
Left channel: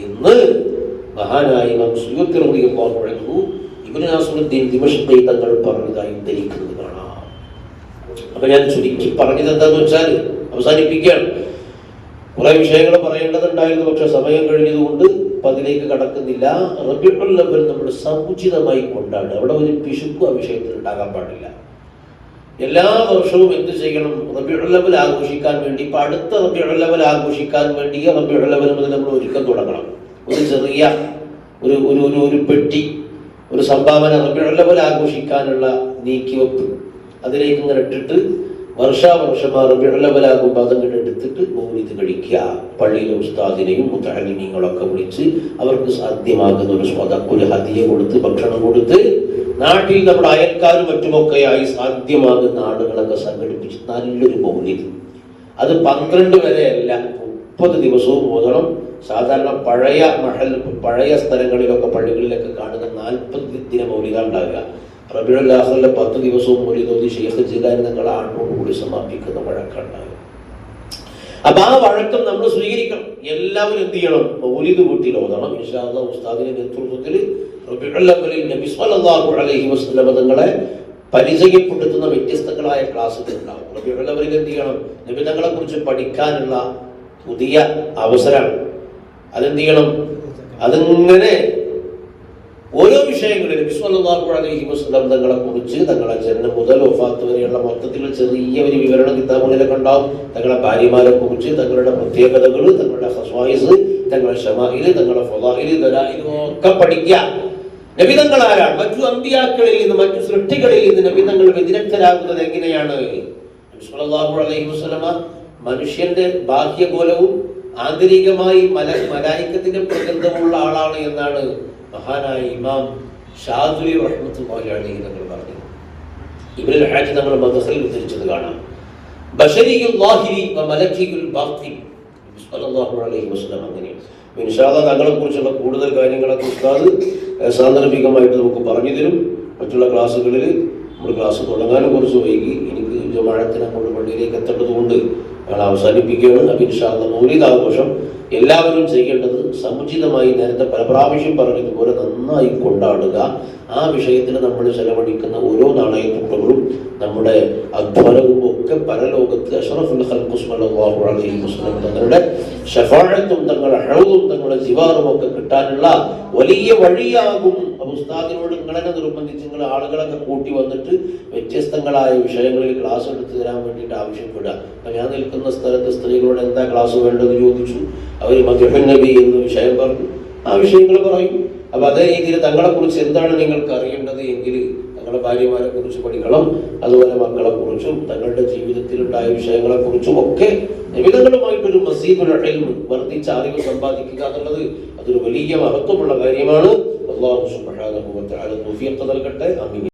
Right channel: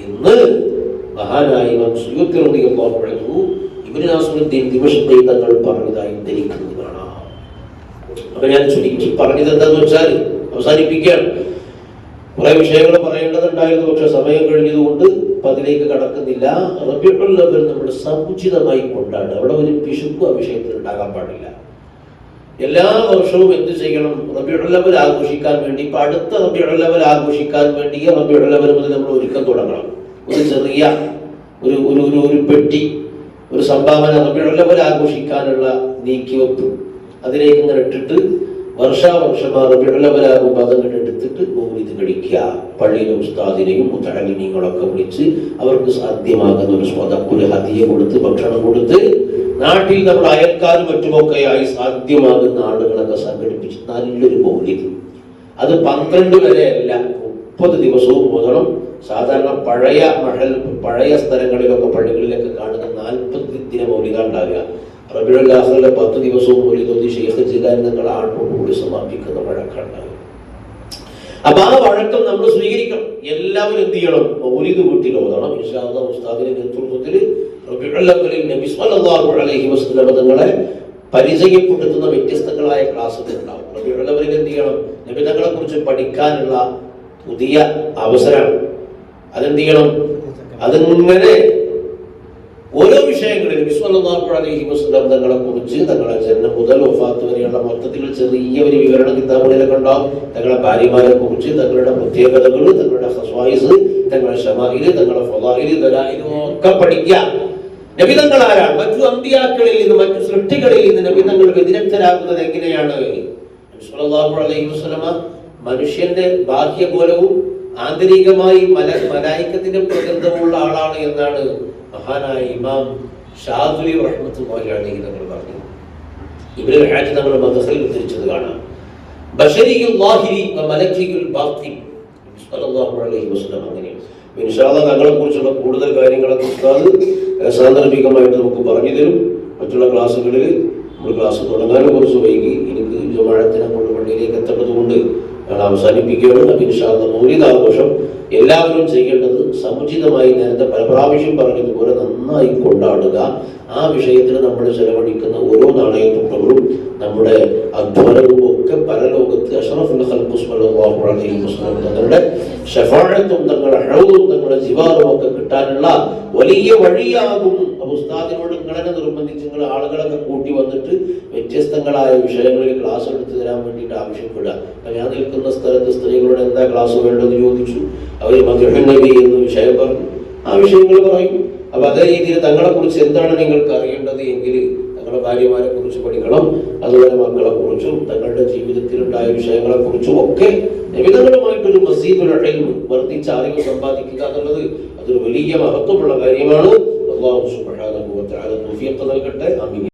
എന്ന് മഹാനായ ഇമാം സുയൂത്തി റളിയല്ലാഹു അൻഹു ഇബ്നു നാസിറുദ്ദീൻ ദിമശ്ഖി തങ്ങൾ പറഞ്ഞതായി ധരിക്കുന്നത് കാണാം. അപ്പൊ ഞാൻ ചുരുക്കി പറഞ്ഞത് എന്താന്ന് വെച്ചാൽ അവസാനിപ്പിക്കുകയാണ്. കുറെ വിഷയങ്ങൾ പറയേണ്ടതുണ്ടായിരുന്നു, പക്ഷെ സമയം കഴിഞ്ഞതുകൊണ്ട് അതിലേക്ക് കടക്കുന്നില്ല. റബീഉൽ അവ്വൽ നമ്മൾ സമുചിതമായി കൊണ്ടാണ്, അവിടെ ഒരു പിശുക്ക് ആ വിഷയത്തിൽ ഉണ്ടാകാൻ പാടില്ല. എല്ലാ വർഷവും എന്ത് ചെയ്യണം? റബീഉൽ അവ്വൽ ആഘോഷിക്കാൻ വേണ്ടി, ഇപ്പൊ അടുത്ത റബീഉൽ അവ്വൽ ആഘോഷിക്കാൻ വേണ്ടി റബീഉൽ അവ്വൽ മുതൽ നമ്മൾ ഒരുക്കം തുടങ്ങണം. ഒരു ചെറിയ ഒരു പെട്ടി, ഒരു സംഭാവന റബീഉൽ അവ്വൽ ആഘോഷിക്കാനുള്ള നീക്കിവെപ്പ് അതിലേക്ക് ഇങ്ങനെ ഇട്ടിട്ട് വർഷാവർഷം റബീഉൽ അവ്വൽ ആകുമ്പോൾ അതങ്ങനെ എടുത്തിട്ട് മൗലിദ് കഴിക്കുക. പള്ളിയിലെ ഉസ്താദിനെയും മുത്തഅല്ലിമീങ്ങളൊക്കെ വിളിച്ച് അവർക്ക് സാധ്യമാകുന്ന ഒരു ഒരു ഹദിയ കൊടുത്ത്, ഭക്ഷണം കൊടുത്ത്, നാട്ടിൽ നമ്മുടെ അയൽക്കാരും മറ്റുമൊക്കെയായി സാധ്യമാകുന്ന ആളുകളൊക്കെ സംഘടിപ്പിച്ച് നല്ലൊരു മൗലിദ്. അത് 12 വരെയല്ല, 30 ദിവസവും ഓതണം. സാധാരണ പഴയ സ്ഥലങ്ങളിലൊക്കെ പള്ളികളിലൊക്കെ കാണുന്ന 40 ദിന മൗലിദ ഉണ്ടാവുക. റബീഉൽ ആഖിറിലെ 10 ദിവസവും മൗലിദ് ഓതി ശൈഖ് ജിലാനി തങ്ങൾ ആണ്ടോടുകൂടി സമാപിക്കുന്ന വഴക്കുണ്ടാവുക. അപ്പൊ ആ വഴക്കം നമ്മൾ സ്വീകരിക്കണം. എല്ലാവരും എന്ത് ചെയ്യണം? മൗലിദ് വീട്ടിൽ ഓതണം. ഇൻഷാ അല്ലാഹ് ഉസ്താദിന്റെ നേതൃത്വത്തിൽ റബീഉൽ അവ്വലിൽ നബി സ്വല്ലല്ലാഹു അലൈഹി വസല്ലം തങ്ങളെ പരിചയപ്പെടുത്തുന്ന വ്യത്യസ്തങ്ങളായ ക്ലാസുകൾ ഉണ്ടാവും. റബീഉൽ അവ്വലിൽ എന്ത് ചെയ്യണം? നബി തങ്ങളെ കുറിച്ച് പഠിക്കാനുള്ള പുതിയ അവസരമാണ്. അതെന്ത് ചെയ്യണം? അതിങ്ങനെ ഓരോ വിഷയങ്ങളിൽ നബി സ്വല്ലല്ലാഹു അലൈഹി വസല്ലം തങ്ങളെ കുറിച്ച്, തങ്ങളുടെ ജനനം മുതൽ വഫാത്ത് വരെയുള്ള മൊത്തത്തിൽ ചെറിയ ഒരു വിവരണ കിതാബുകളിലൊക്കെ ഉണ്ടാവും. തങ്ങളുടെ ഭാര്യമാരെ കുറിച്ച്, തങ്ങളുടെ പ്രത്യേകതകൾ, തങ്ങളുടെ ഖസ്വായിസ്, തങ്ങളുടെ ശമാഇല്, തങ്ങളുടെ ഫളാഇല്, ദലായില് ഒക്കെ പഠിക്കുക. നബി തങ്ങൾ ആരാണ്? മറ്റു അമ്പിയാക്കളിൽ നിന്ന്, മറ്റു സൃഷ്ടികളിൽ നിന്ന് നബി തങ്ങൾ വ്യതിരക്തരാകുന്നത് എങ്ങനെയാണ്? നബി സ്വല്ലല്ലാഹു അലൈഹി വസല്ലമ മനുഷ്യന്റെ ബാഹ്യഗോലവും ആന്തരികമായി മലായികത്തിന്റെ പ്രകൃതമുള്ള ആളാണ് എന്നാണ് മഹാനായ ഇമാം ഷാദുലി റഹ്മത്തുള്ളാഹി അലൈഹി തങ്ങൾ പറഞ്ഞു. ഇബ്നുൽ ഹാജ് തങ്ങൾ മദ്ഹസിൽ ഉദ്ധരിച്ചത് കാണാം. ബശരിയുൽ ളാഹിരി വ മലക്കിയുൽ ബാത്തിൻ സ്വല്ലല്ലാഹു അലൈഹി വസല്ലം. അങ്ങനെ ഇൻഷാ അല്ലാഹ് തങ്ങളെ കുറിച്ചുള്ള കൂടുതൽ കാര്യങ്ങളൊക്കെ ഉസ്താദ് സാന്ദർഭികമായിട്ട് നമുക്ക് പറഞ്ഞു തരും. മറ്റുള്ള ക്ലാസ്സുകളിൽ നമ്മൾ ക്ലാസ് തുടങ്ങാനും കുറച്ച് വൈകി, എനിക്ക് ജമാഅത്തിനെ കൊണ്ട് പള്ളിയിലേക്ക് എത്തേണ്ടതുകൊണ്ട് ഞങ്ങൾ അവസാനിപ്പിക്കുകയാണ്. അപ്പോൾ ഇൻഷാ അല്ലാഹ് മൗലിദ് ആഘോഷം എല്ലാവരും ചെയ്യേണ്ടത് സമുചിതമായി, നേരത്തെ പല പ്രാവശ്യം പറഞ്ഞതുപോലെ നന്നായി കൊണ്ടാടുക. ആ വിഷയത്തിൽ നമ്മൾ ചെലവഴിക്കുന്ന ഓരോ നാണയത്തുട്ടുകളും നമ്മുടെ അധ്വാനവും ഒക്കെ പരലോകത്ത് അഷ്റഫുൽ ഖൽഖ് സ്വല്ലല്ലാഹു അലൈഹി വസല്ലം തങ്ങളുടെ ശഫാഅത്തും തങ്ങളുടെ ഹൗദും തങ്ങളുടെ ജിവാറും ഒക്കെ കിട്ടാനുള്ള വലിയ വഴിയാകും. ഉസ്താദിനോട് നിങ്ങളെ നിർബന്ധിച്ച് നിങ്ങൾ ആളുകളൊക്കെ കൂട്ടി വന്നിട്ട് വ്യത്യസ്തങ്ങളായ വിഷയങ്ങളിൽ ക്ലാസ് എടുത്തു തരാൻ വേണ്ടിയിട്ട് ആവശ്യപ്പെടുക. ഞാൻ നിൽക്കുന്ന സ്ഥലത്ത് സ്ത്രീകളോട് എന്താ ക്ലാസ് വേണ്ടതെന്ന് ചോദിച്ചു. അവർ മദ്ഹുൻ നബി എന്ന വിഷയം പറഞ്ഞു. ആ വിഷയങ്ങൾ പറയും. അപ്പൊ അതേ രീതിയിൽ തങ്ങളെ കുറിച്ച് എന്താണ് നിങ്ങൾക്ക് അറിയേണ്ടത് എങ്കിൽ തങ്ങളുടെ ഭാര്യമാരെ കുറിച്ച് പഠിക്കണം. അതുപോലെ മക്കളെ കുറിച്ചും തങ്ങളുടെ ജീവിതത്തിലുണ്ടായ വിഷയങ്ങളെ കുറിച്ചും ഒക്കെ നിമിതങ്ങളുമായിട്ടൊരു മസീദുൽ ഇൽമ്, വർദ്ധിച്ച അറിവ് സമ്പാദിക്കുക എന്നുള്ളത് അതൊരു വലിയ മഹത്വമുള്ള കാര്യമാണ്. അല്ലാഹു സുബ്ഹാനഹു വ തആല തൗഫീഖ് നൽകട്ടെ. ആമീൻ.